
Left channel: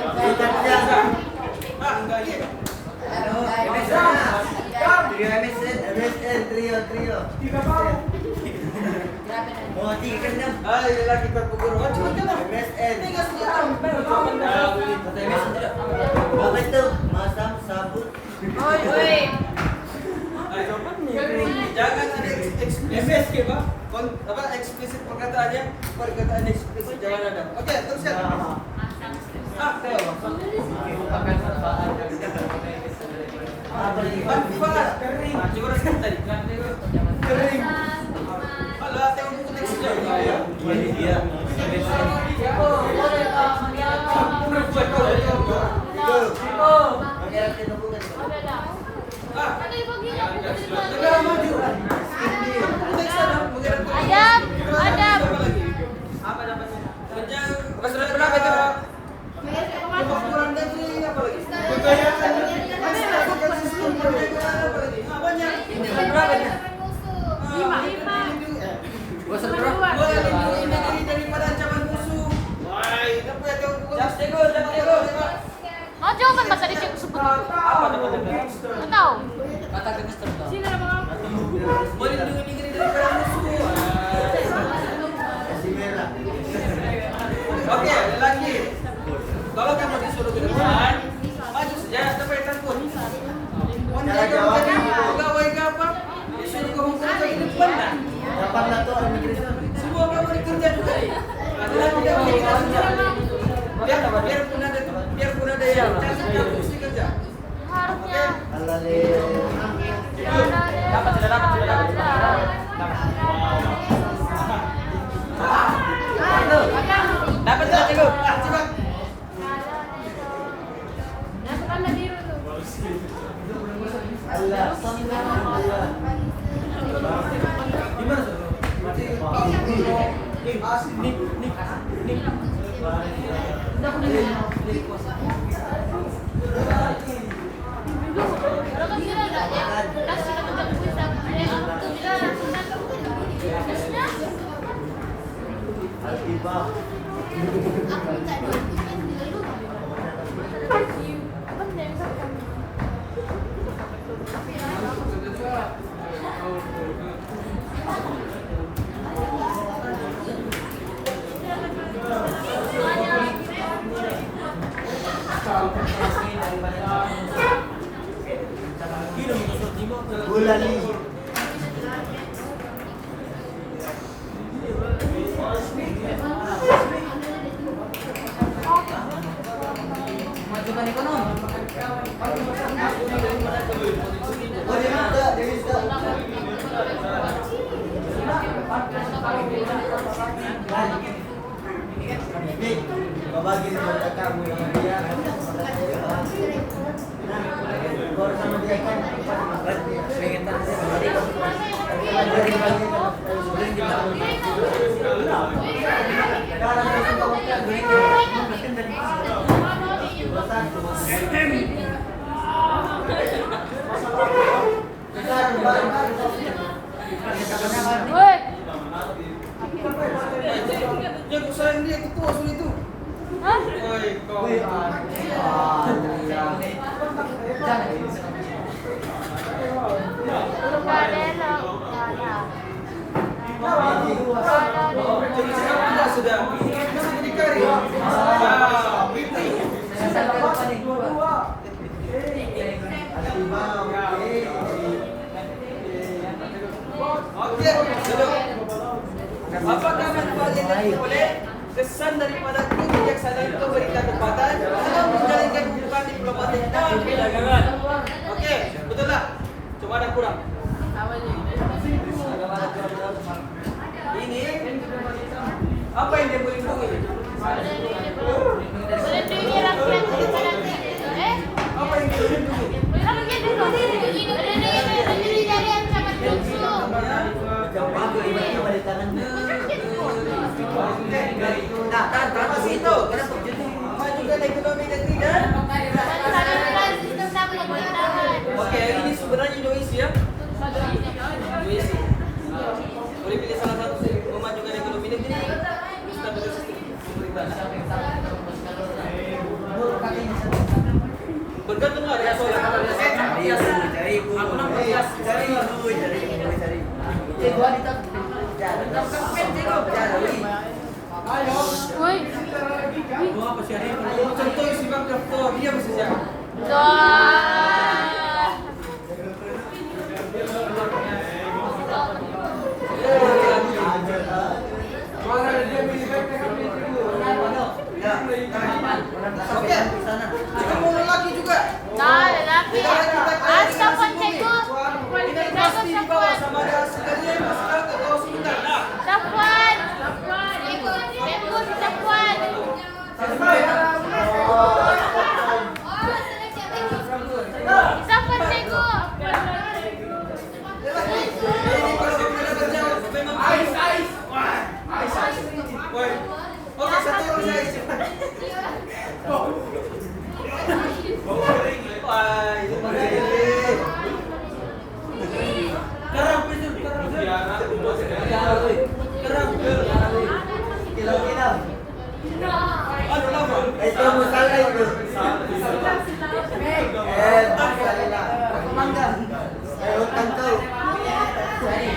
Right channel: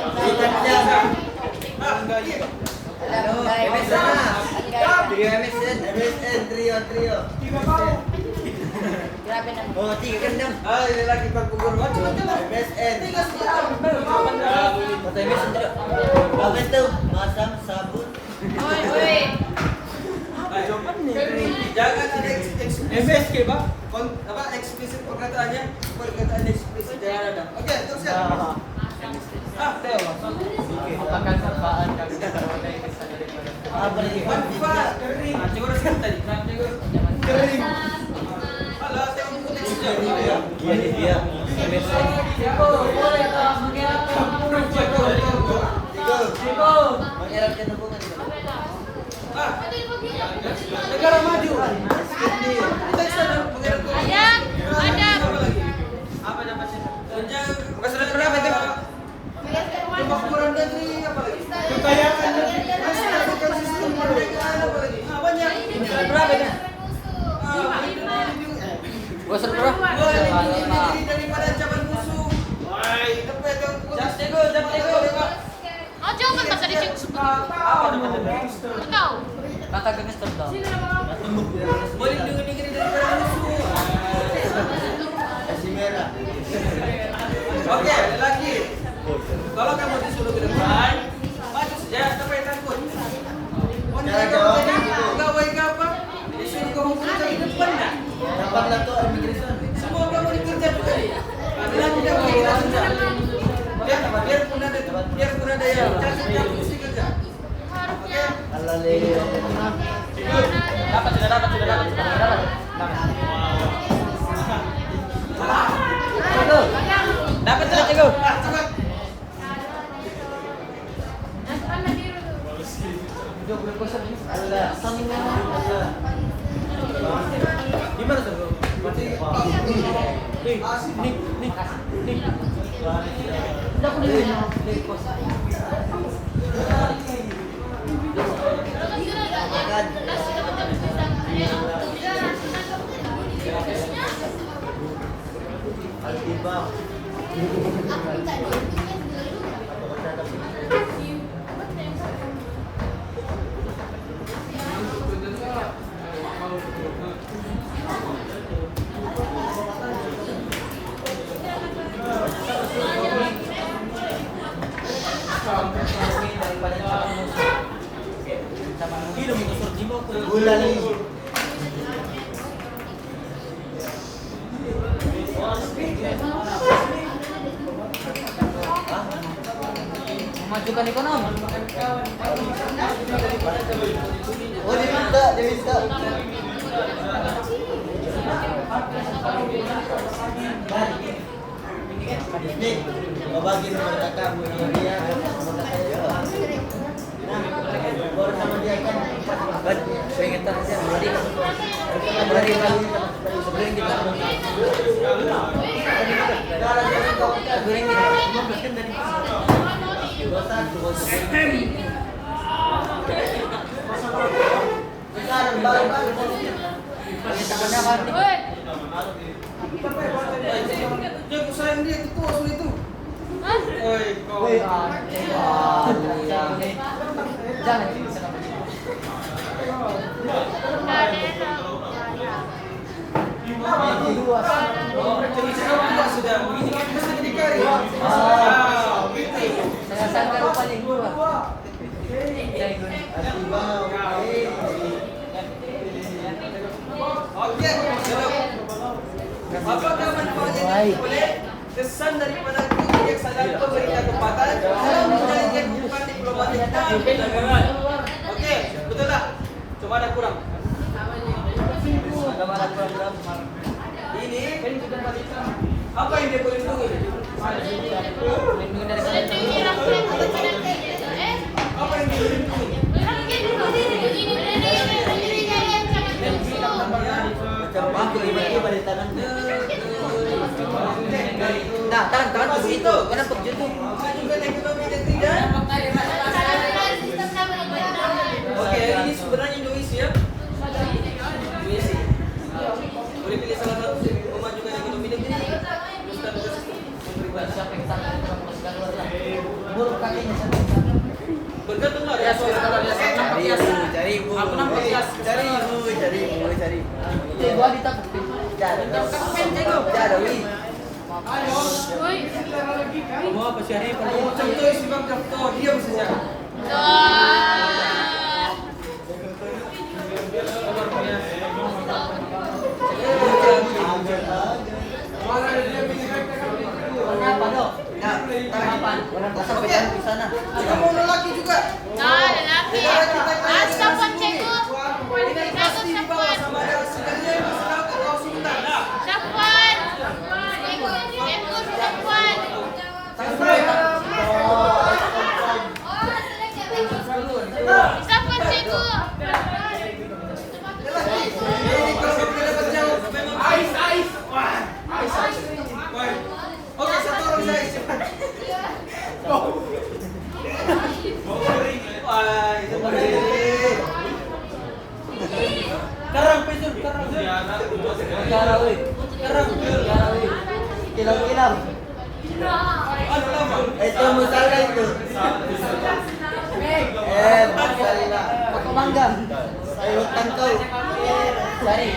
Trio. Oh, 3 ke 6. Ini lagi perkubur. Cepat. MSN. 3 setengah. Apa itu? Masam sabut. Jangan ada MSK Pak. Eksplisit perkataannya, perkataan eksplisit jangan ada. Okey, teruskan. Theo. Manfaat. Cikgu dah sebut tadi. Alah, Theo buku teks saja. Dia. Perempuan kau. Negara maju. Teks saja mengenai Adab. apa lagi? Apa namanya? Tentang masalah berapa itu? Kemakmuran negeri apa lagi? Kekayaan menstabilkan sistem perdagangan apa lagi? Banyak. Berapa ya? Melindungi negeri daripada ancaman musuh. Wah, apa itu? Jago. Oh, jangan bahasa dia cikgu sebut. Engkau. Kata gangster bang. Melindungi negeri daripada musuh. Kasih merah. Oke, lelaki. Kalau kamu disuruh ke depan, maju saja, sampai takut. Menjaga pegawai ke apa? Disuruh ke hukum ke depan lah. Depan atau immigration. Semua kamu dikerja juga nih. Adalah tidak boleh kita kerja. Biarpun ada yang cacat, kamu mesti kerja. Oke? Dapat sudah. Dapat sudah, cikgu. Cepat. Gimana tuh? Nih. Aku minta dokumen dulu. Bulan ini. Majukan ekonomi. pengen tak siap berarti kan sebelum kita Jangan usahain dia itu tuh asal itu. Oi, kau. Jadi sekarang tua sudah. Mesti dikari. Ah, gitu. Oke, duduk. Apakah manfaat yang diperoleh kesan daripada kebijaksanaan itu beri kesempatan dalam menjalankan kehidupan diplomatik dan perdagangan? Oke, betul tak? Cuma ada kurang. Ini apa yang dia boleh lindungi? Apa yang dia boleh lindungi? Nah, itu kenapa begitu? Juga ekonomi negeri dan oke, ini sebenarnya Indonesia. Indonesia. Boleh pilih salah satu memajukan ekonomi negeri, teruskan juga sistem pemerintahan. Bergantunglah dengan soal. Contoh isi bang daftar dia bisa Oke, kita mau lelaki juga. Negara kita kaya dengan hasil bumi. Kita pasti di bawah sama ada sekalian masyarakat atau sultan. Nah, ini kalau sudah dapat jawab memang ais. Wah, ais. Oke, satu orang saya cepat. Wah, itu begini. Kerang. Kilau. Aduh lama. Itu musala itu. Musala. Aku manggang. Ayo utang kau. Cari.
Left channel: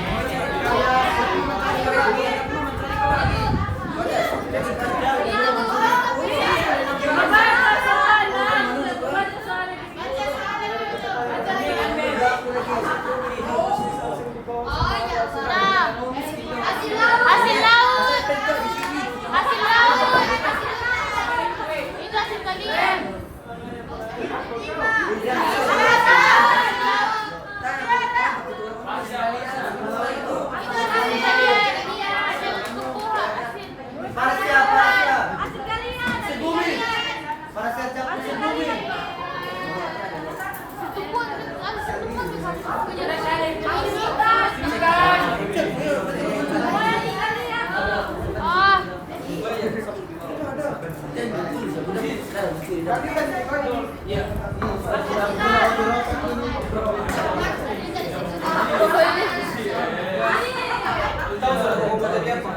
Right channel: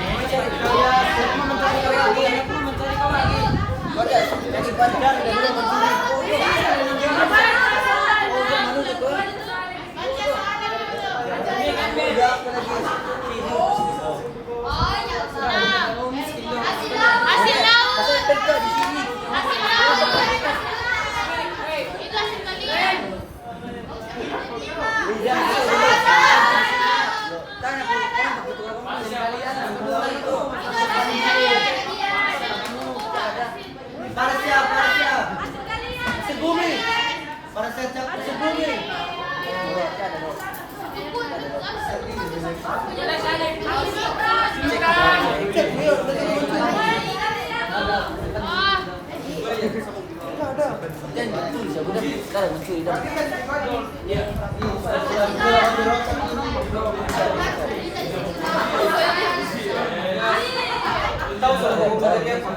Tahu sudah mau balik apa?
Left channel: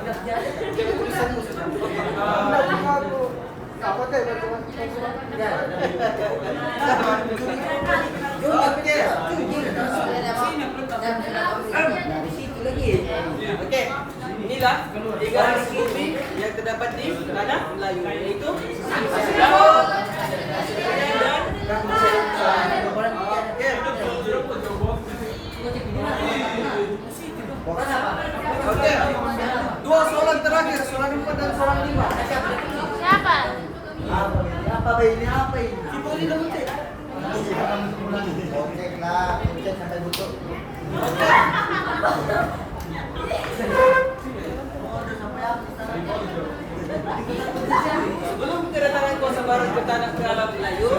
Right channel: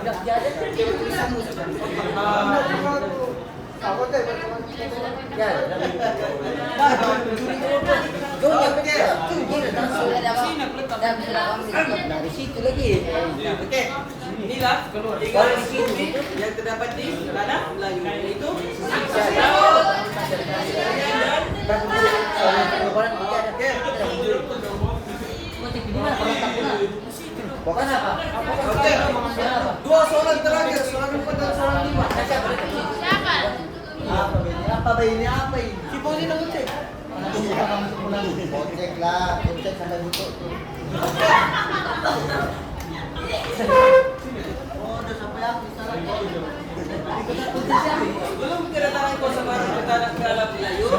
Dia tulisanmu sudah. Oke, inilah tiga bumi yang terdapat di tanah Melayu, yaitu Jawa, dan Oke, dua soalan terakhir, soalan 4 dan soalan 5. Apa ini? Cipoli dong cek. Cek lah, cek ada buku. Sebelum kedatangan Kosa Baru ke tanah ke alam Melayu,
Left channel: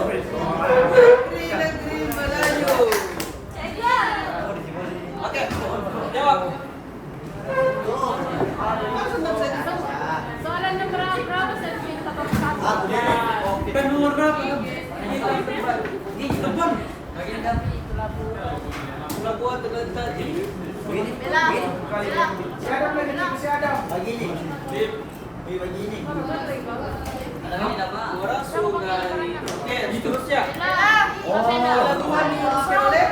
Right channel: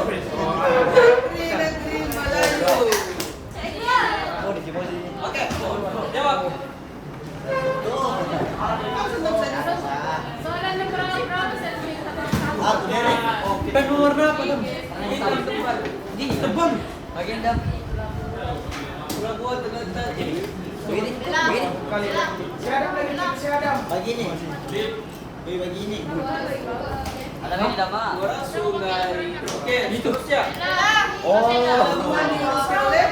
negeri Melayu. Di lubang. Agenda. Pelabuhan terletak di begini. Begini. Begini. Ada lagi tidak Pak? Muara Sungai. Oke, seterusnya. Oh. Pelabuhan diteruskan oleh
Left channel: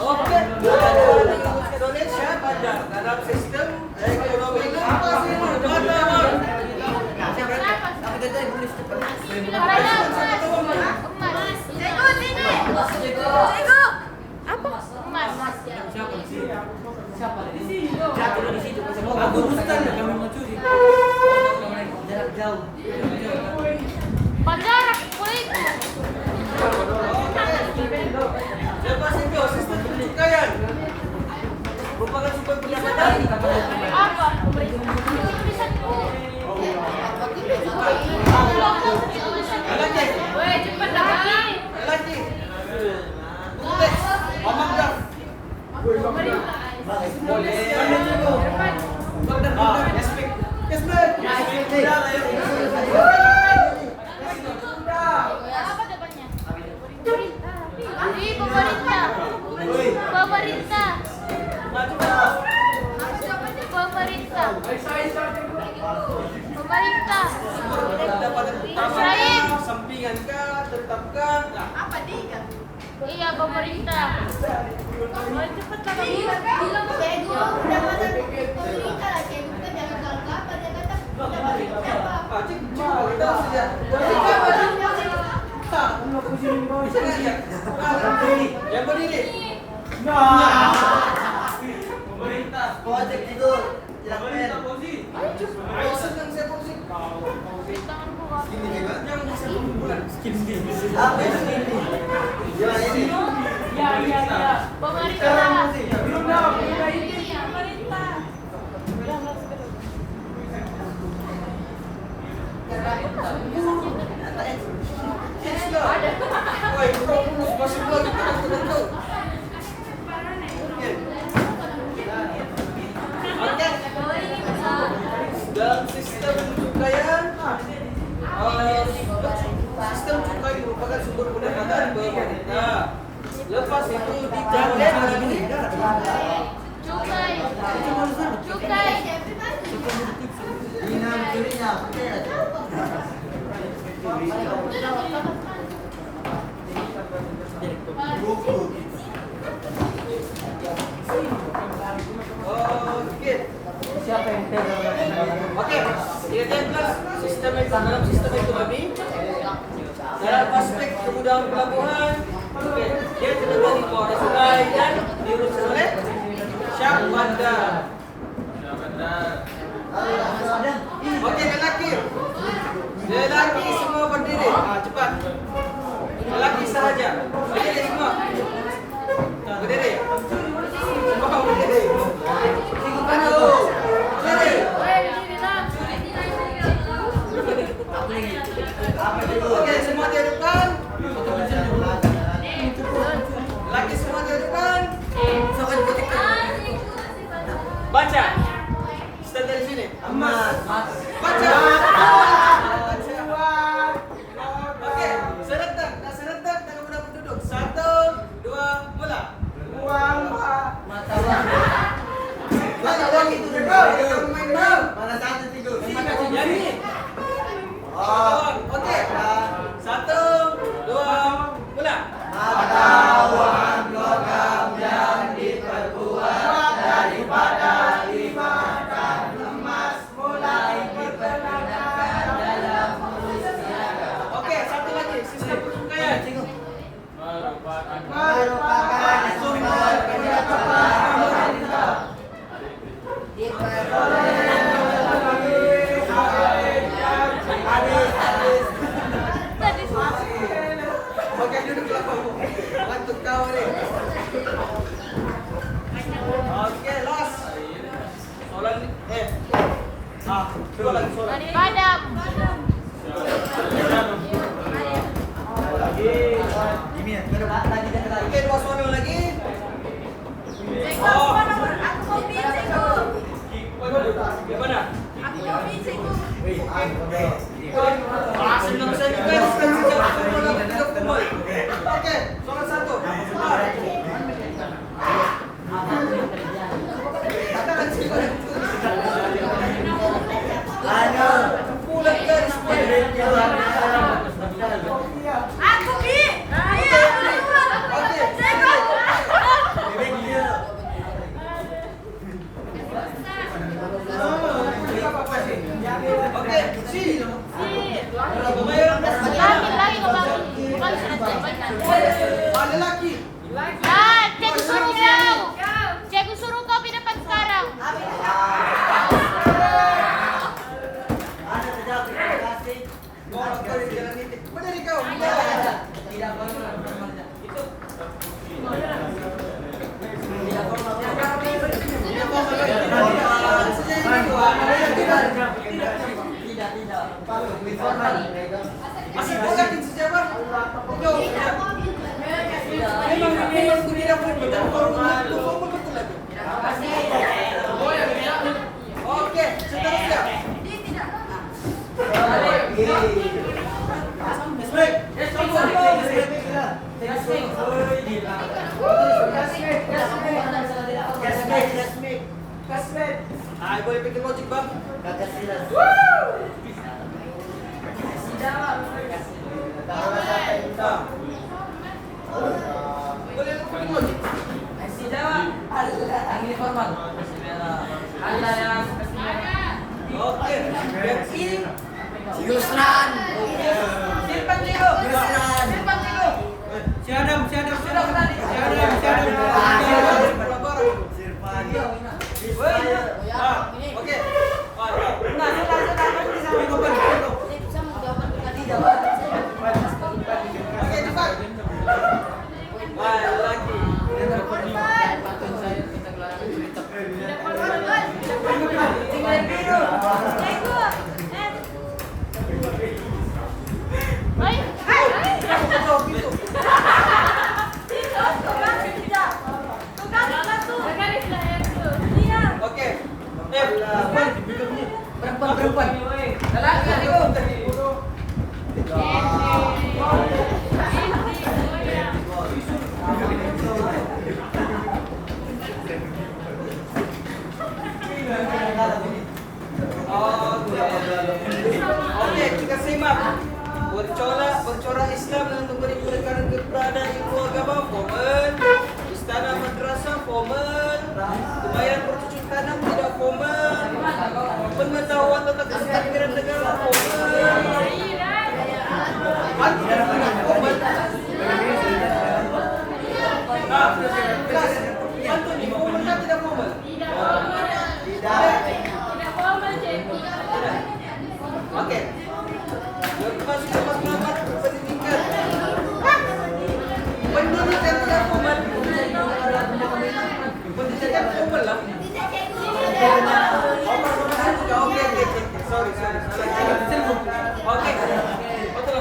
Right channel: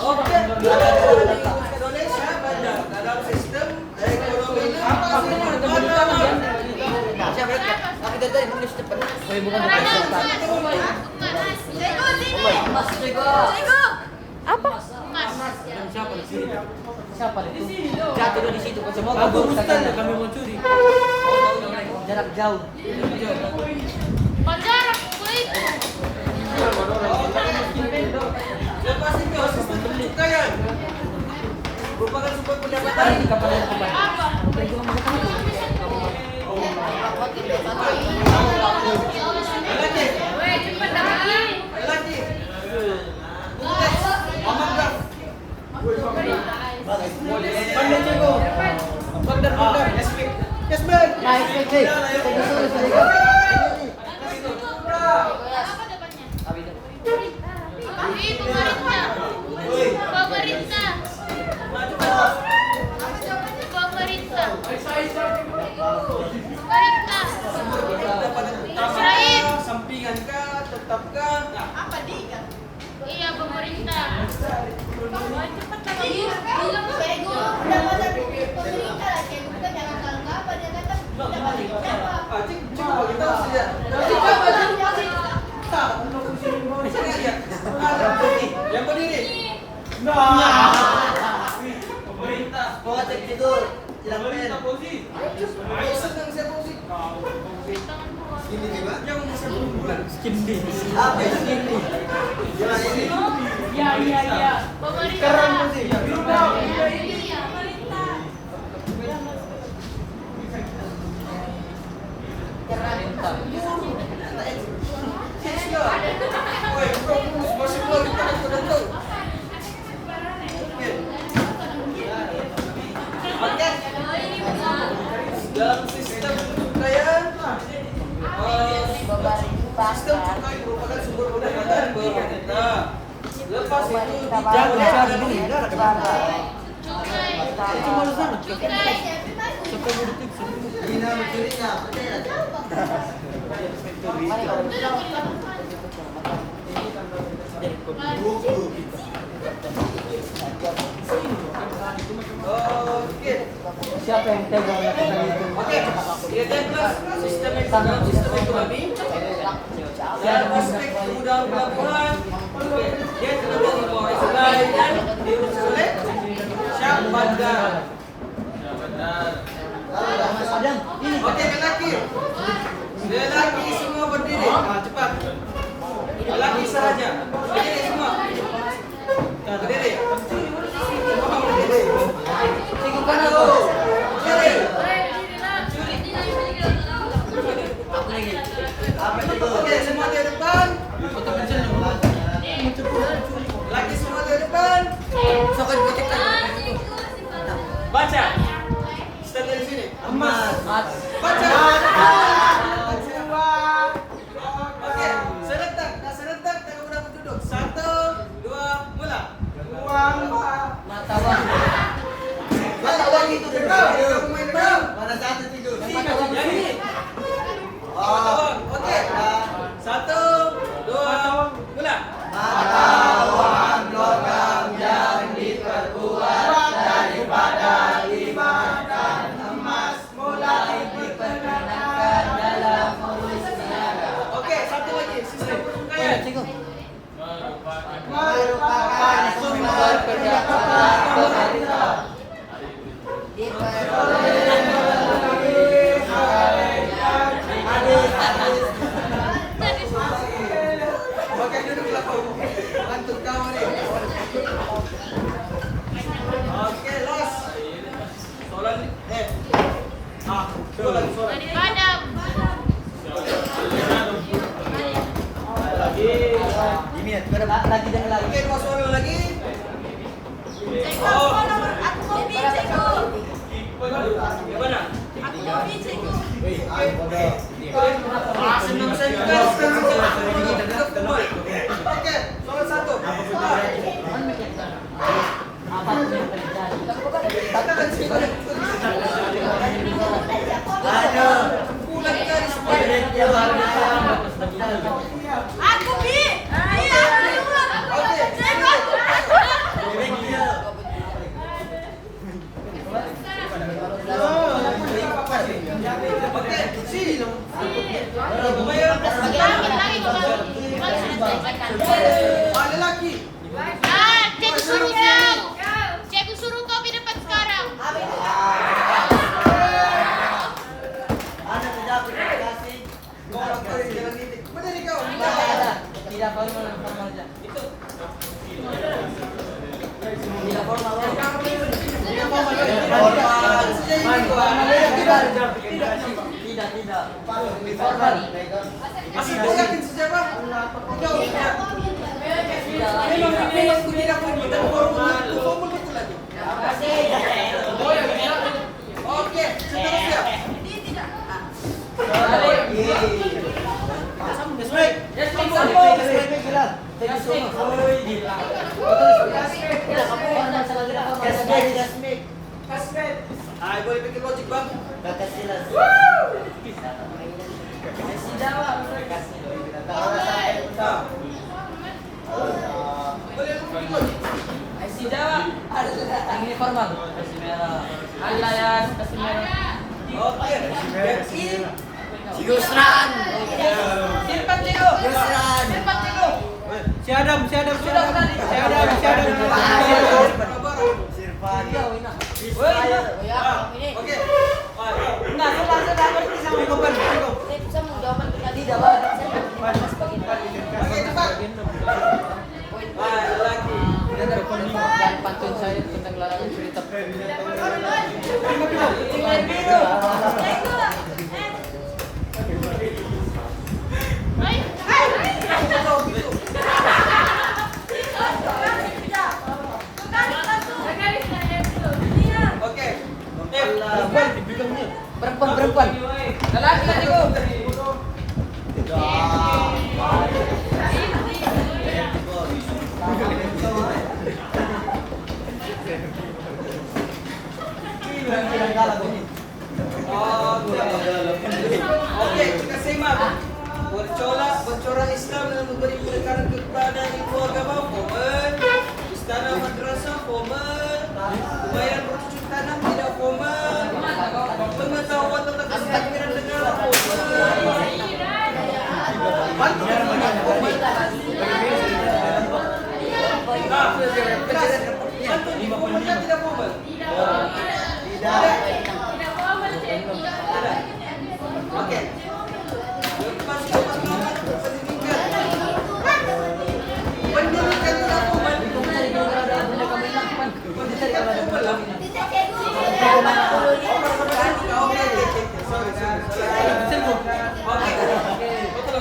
Oke, pelabuhan di Indonesia pada dalam sistem ekonomi itu apa sih? Tapi kita yang tulis cepat. Perlindungan Apa? Siapa di sini? Siapa di sini? Jatuh di situ kan semua. Aku bukan kami mau curi. Jarak jauh. Lepas itu sistem pertukaian merupakan sumber pendapatan. Lagi. Tulis. Amanggas. Boleh. Pandai cikgu. Pandai. Yes, ma'am. Yes, ma'am. Pemerintah. Maju kan? Pemerintah. Pendapatan utama kah, sampingan kah, tetap kah? Nah, Apa dia? Iya, pemerintah. Bilang bego, pendapatan pemerintah lah, cek kita jangan salah apa dia kata pendapatan coba kita saja. Yang berdiri. Pemerintah. Gua cek tidur. Pemerintah posisi. Ayo senang saya posisi. Ini juga. Yang saya bulan. Apa yang ini? Ya ini. Iya. Sekarang posisi. Woi, fokus masuk lagi kita sudah tahu. Oke. Dalam sistem pertukaian, sistem cukai merupakan sumber pendapatan pemerintah. Lepas itu Oke. Siapa yang tegang? Oke, sistem dalam sistem ekonomi dalam aspek kemudahan pelabuhan, oke, dia terletak di bawah sungai dan diurus oleh Syah Bandar. Oke, lelaki semua berdiri. Cepat. Lelaki sahaja. Berdiri semua. Berdiri. Semua berdiri. Aduh. Berdiri. Oke, semua di depan. Lagi semua di depan. Baca. Start dari sini. Baca. Oke, serentak. Dah serentak, tengok berapa duduk. 1, 2, mula. Lagi duduk. Kamu main dulu. Mana satu tidur? Jadi. Oke. 1, 2, mula. Matawan logam yang diperbuat daripada dimakan emas mulai dipergunakan dalam urus niaga. Oke, satu lagi sistem pertukaian. Merupakan sumber pendapatan pemerintah. Oke, duduklah kau. Bantu kau ni. Oke, last. Soalan dua lagi soalan. Padam. Oke, dua soalan lagi. Gimana? Senang saya juga. Oke, soalan satu. Katakan sih. Bulan dari Aku Bi. Oke, si. Lelaki. Cek suruh dong. Cek suruh kau di depan sekarang. Benar kau. Tidak formal. Itu. Tidak formal. Tidak. Masih yakin sejarah? Jauh. Memang tidak betul betul lagi. Oke, seterusnya. Boleh pikir logik bang. Boleh pikir logik. Ini formal. Oke, yang ini Yusran. simpan dulu. Siadam. Oke. Oke, cepat. Lagi. Pantun saya kita gelar cerita. Oke. Perempuan. Oke, kita simak. Bercorak Islam dan memberi penekanan kepada ilmu agama formal. Istana madrasah formal. Kemahiran berwujud tanam tidak formal. Pengetahuan tentang kestabilan negara formal. Bantu tidak formal. Bantu di formal kan tidak formal. Oke. Lepas pengamat berpendidikan. Pendidikan tidak formal. Pendidikan formal lah. Sorry. Oke. Betul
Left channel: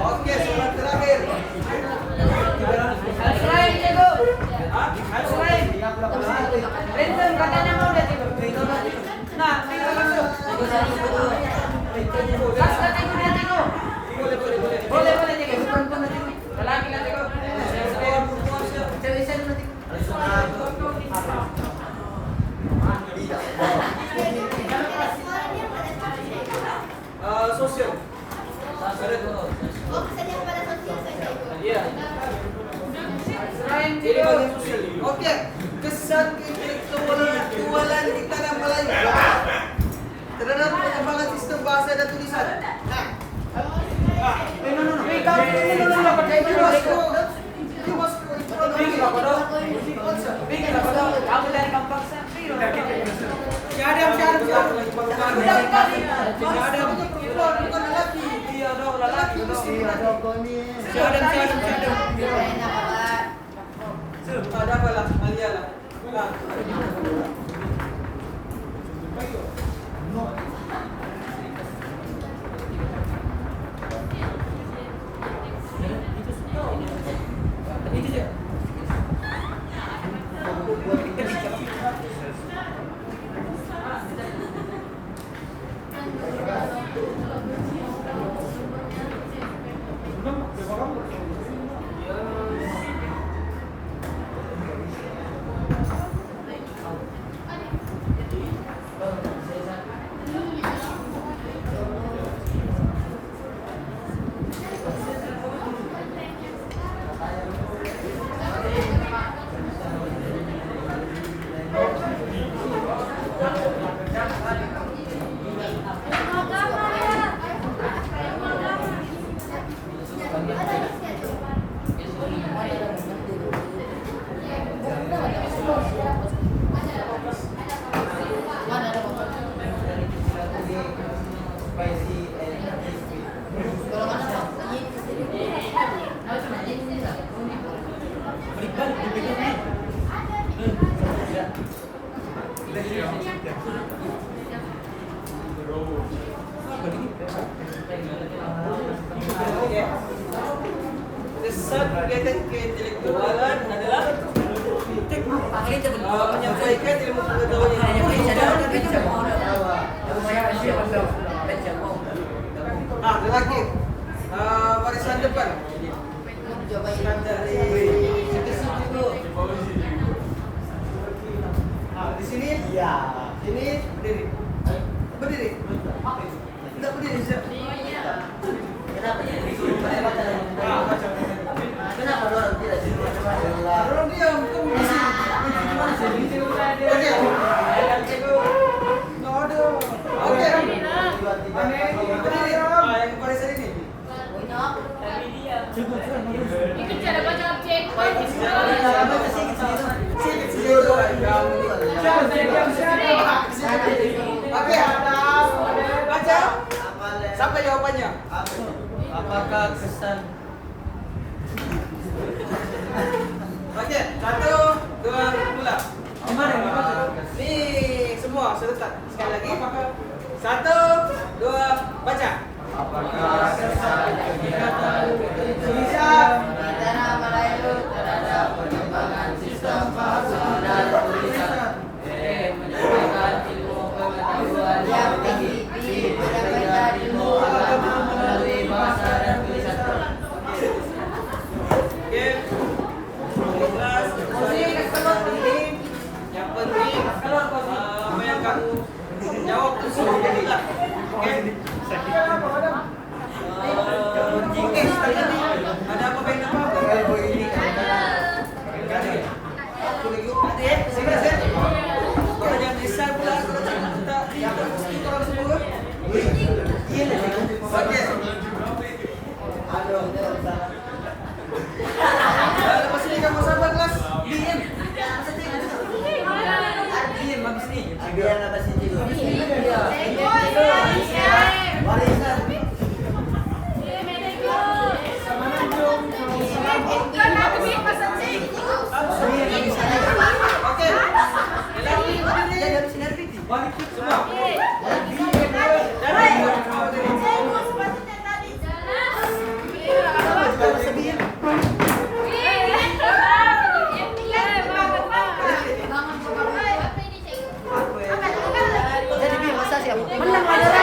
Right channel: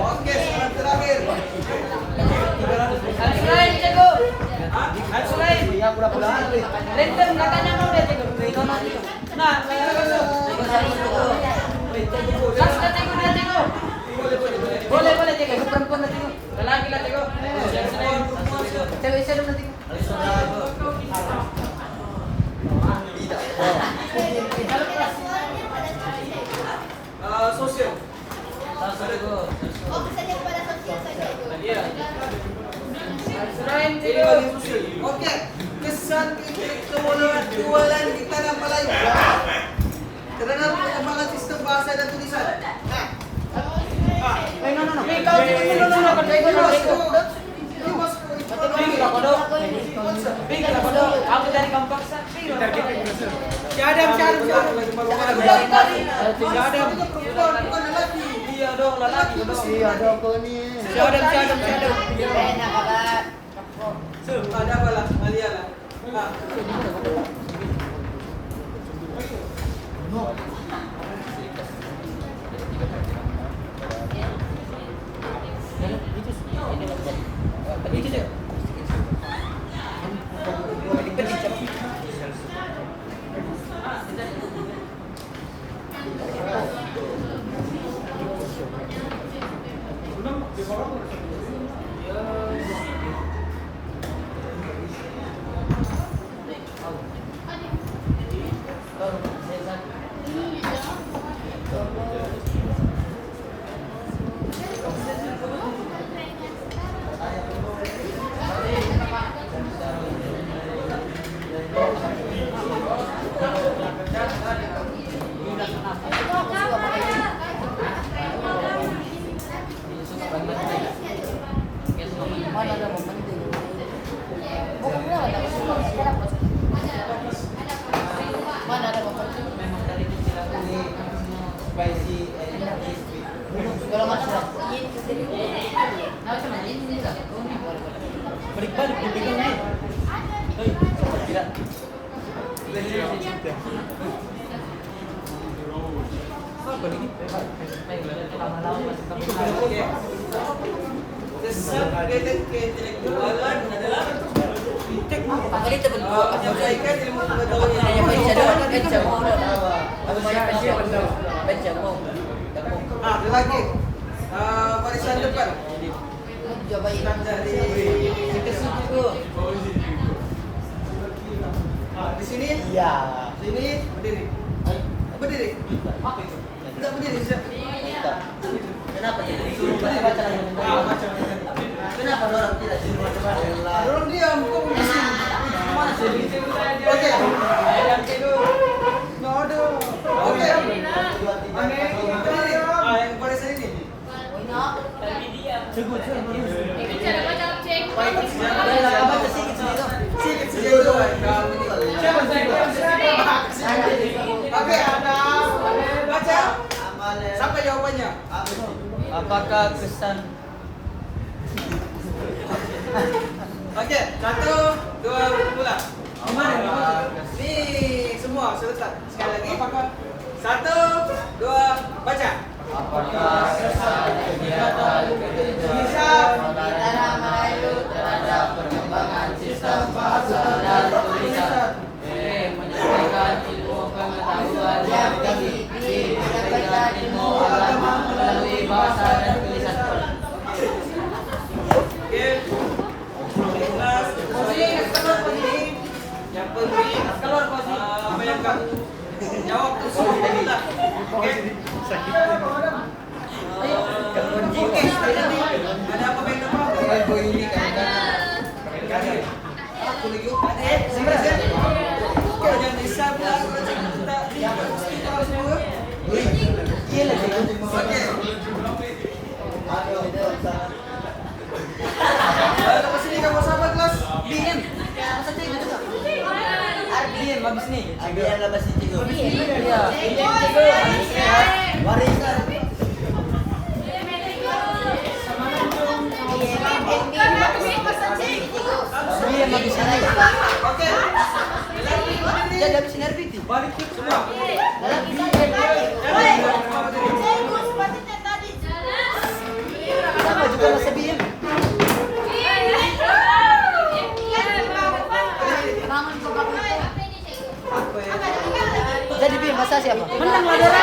Oke, soalan terakhir. Lenten katanya mau dia tidur. Nah, boleh tengok perempuan nanti. Lelaki lah tengok. Cewek saya nanti. Sosial. Iya. Ini bagian sosial. Oke. Kesan keintelektualan di tanah Melayu terhadap perkembangan sistem bahasa dan tulisan. Si Adam lagi malu-malu. Si Adam perempuan bukan lelaki. Iya dong lelaki mesti. Si Adam. Ada apa lah? Alia lah. Nah. Kesan kegiatan keintelektualan adalah menyampaikan ilmu pengetahuan yang lelaki barisan depan dari di sini ya sini berdiri tidak berdiri kenapa dorong tidak sini dorong diam kamu di sini oke berdiri yang barisan ini Oke, baca sampai jawabannya. Apakah kesan? Oke, 1, 2, mulai. Nih semua serentak. Sekali lagi. 1, 2, baca. Apakah kesan kegiatan bisa kita merayu terhadap perkembangan sistem bahasa dan tulisan menyampaikan ilmu pengetahuan yang tinggi menyampaikan ilmu agama melalui bahasa dan tulisan. Oke, kelas ini yang penting apa yang kamu jawab itu semua benar. Oke. Oke, ada apa pengen apa? Adik, sini. Kalau jangan bisa pula kita harus semua. Iya lah. Oke. Lepas ini kamu sama kelas Bian. Arbian bagus nih. Arbian lepas ini. Oke. Balik semua. Jadi Bi, masa siapa?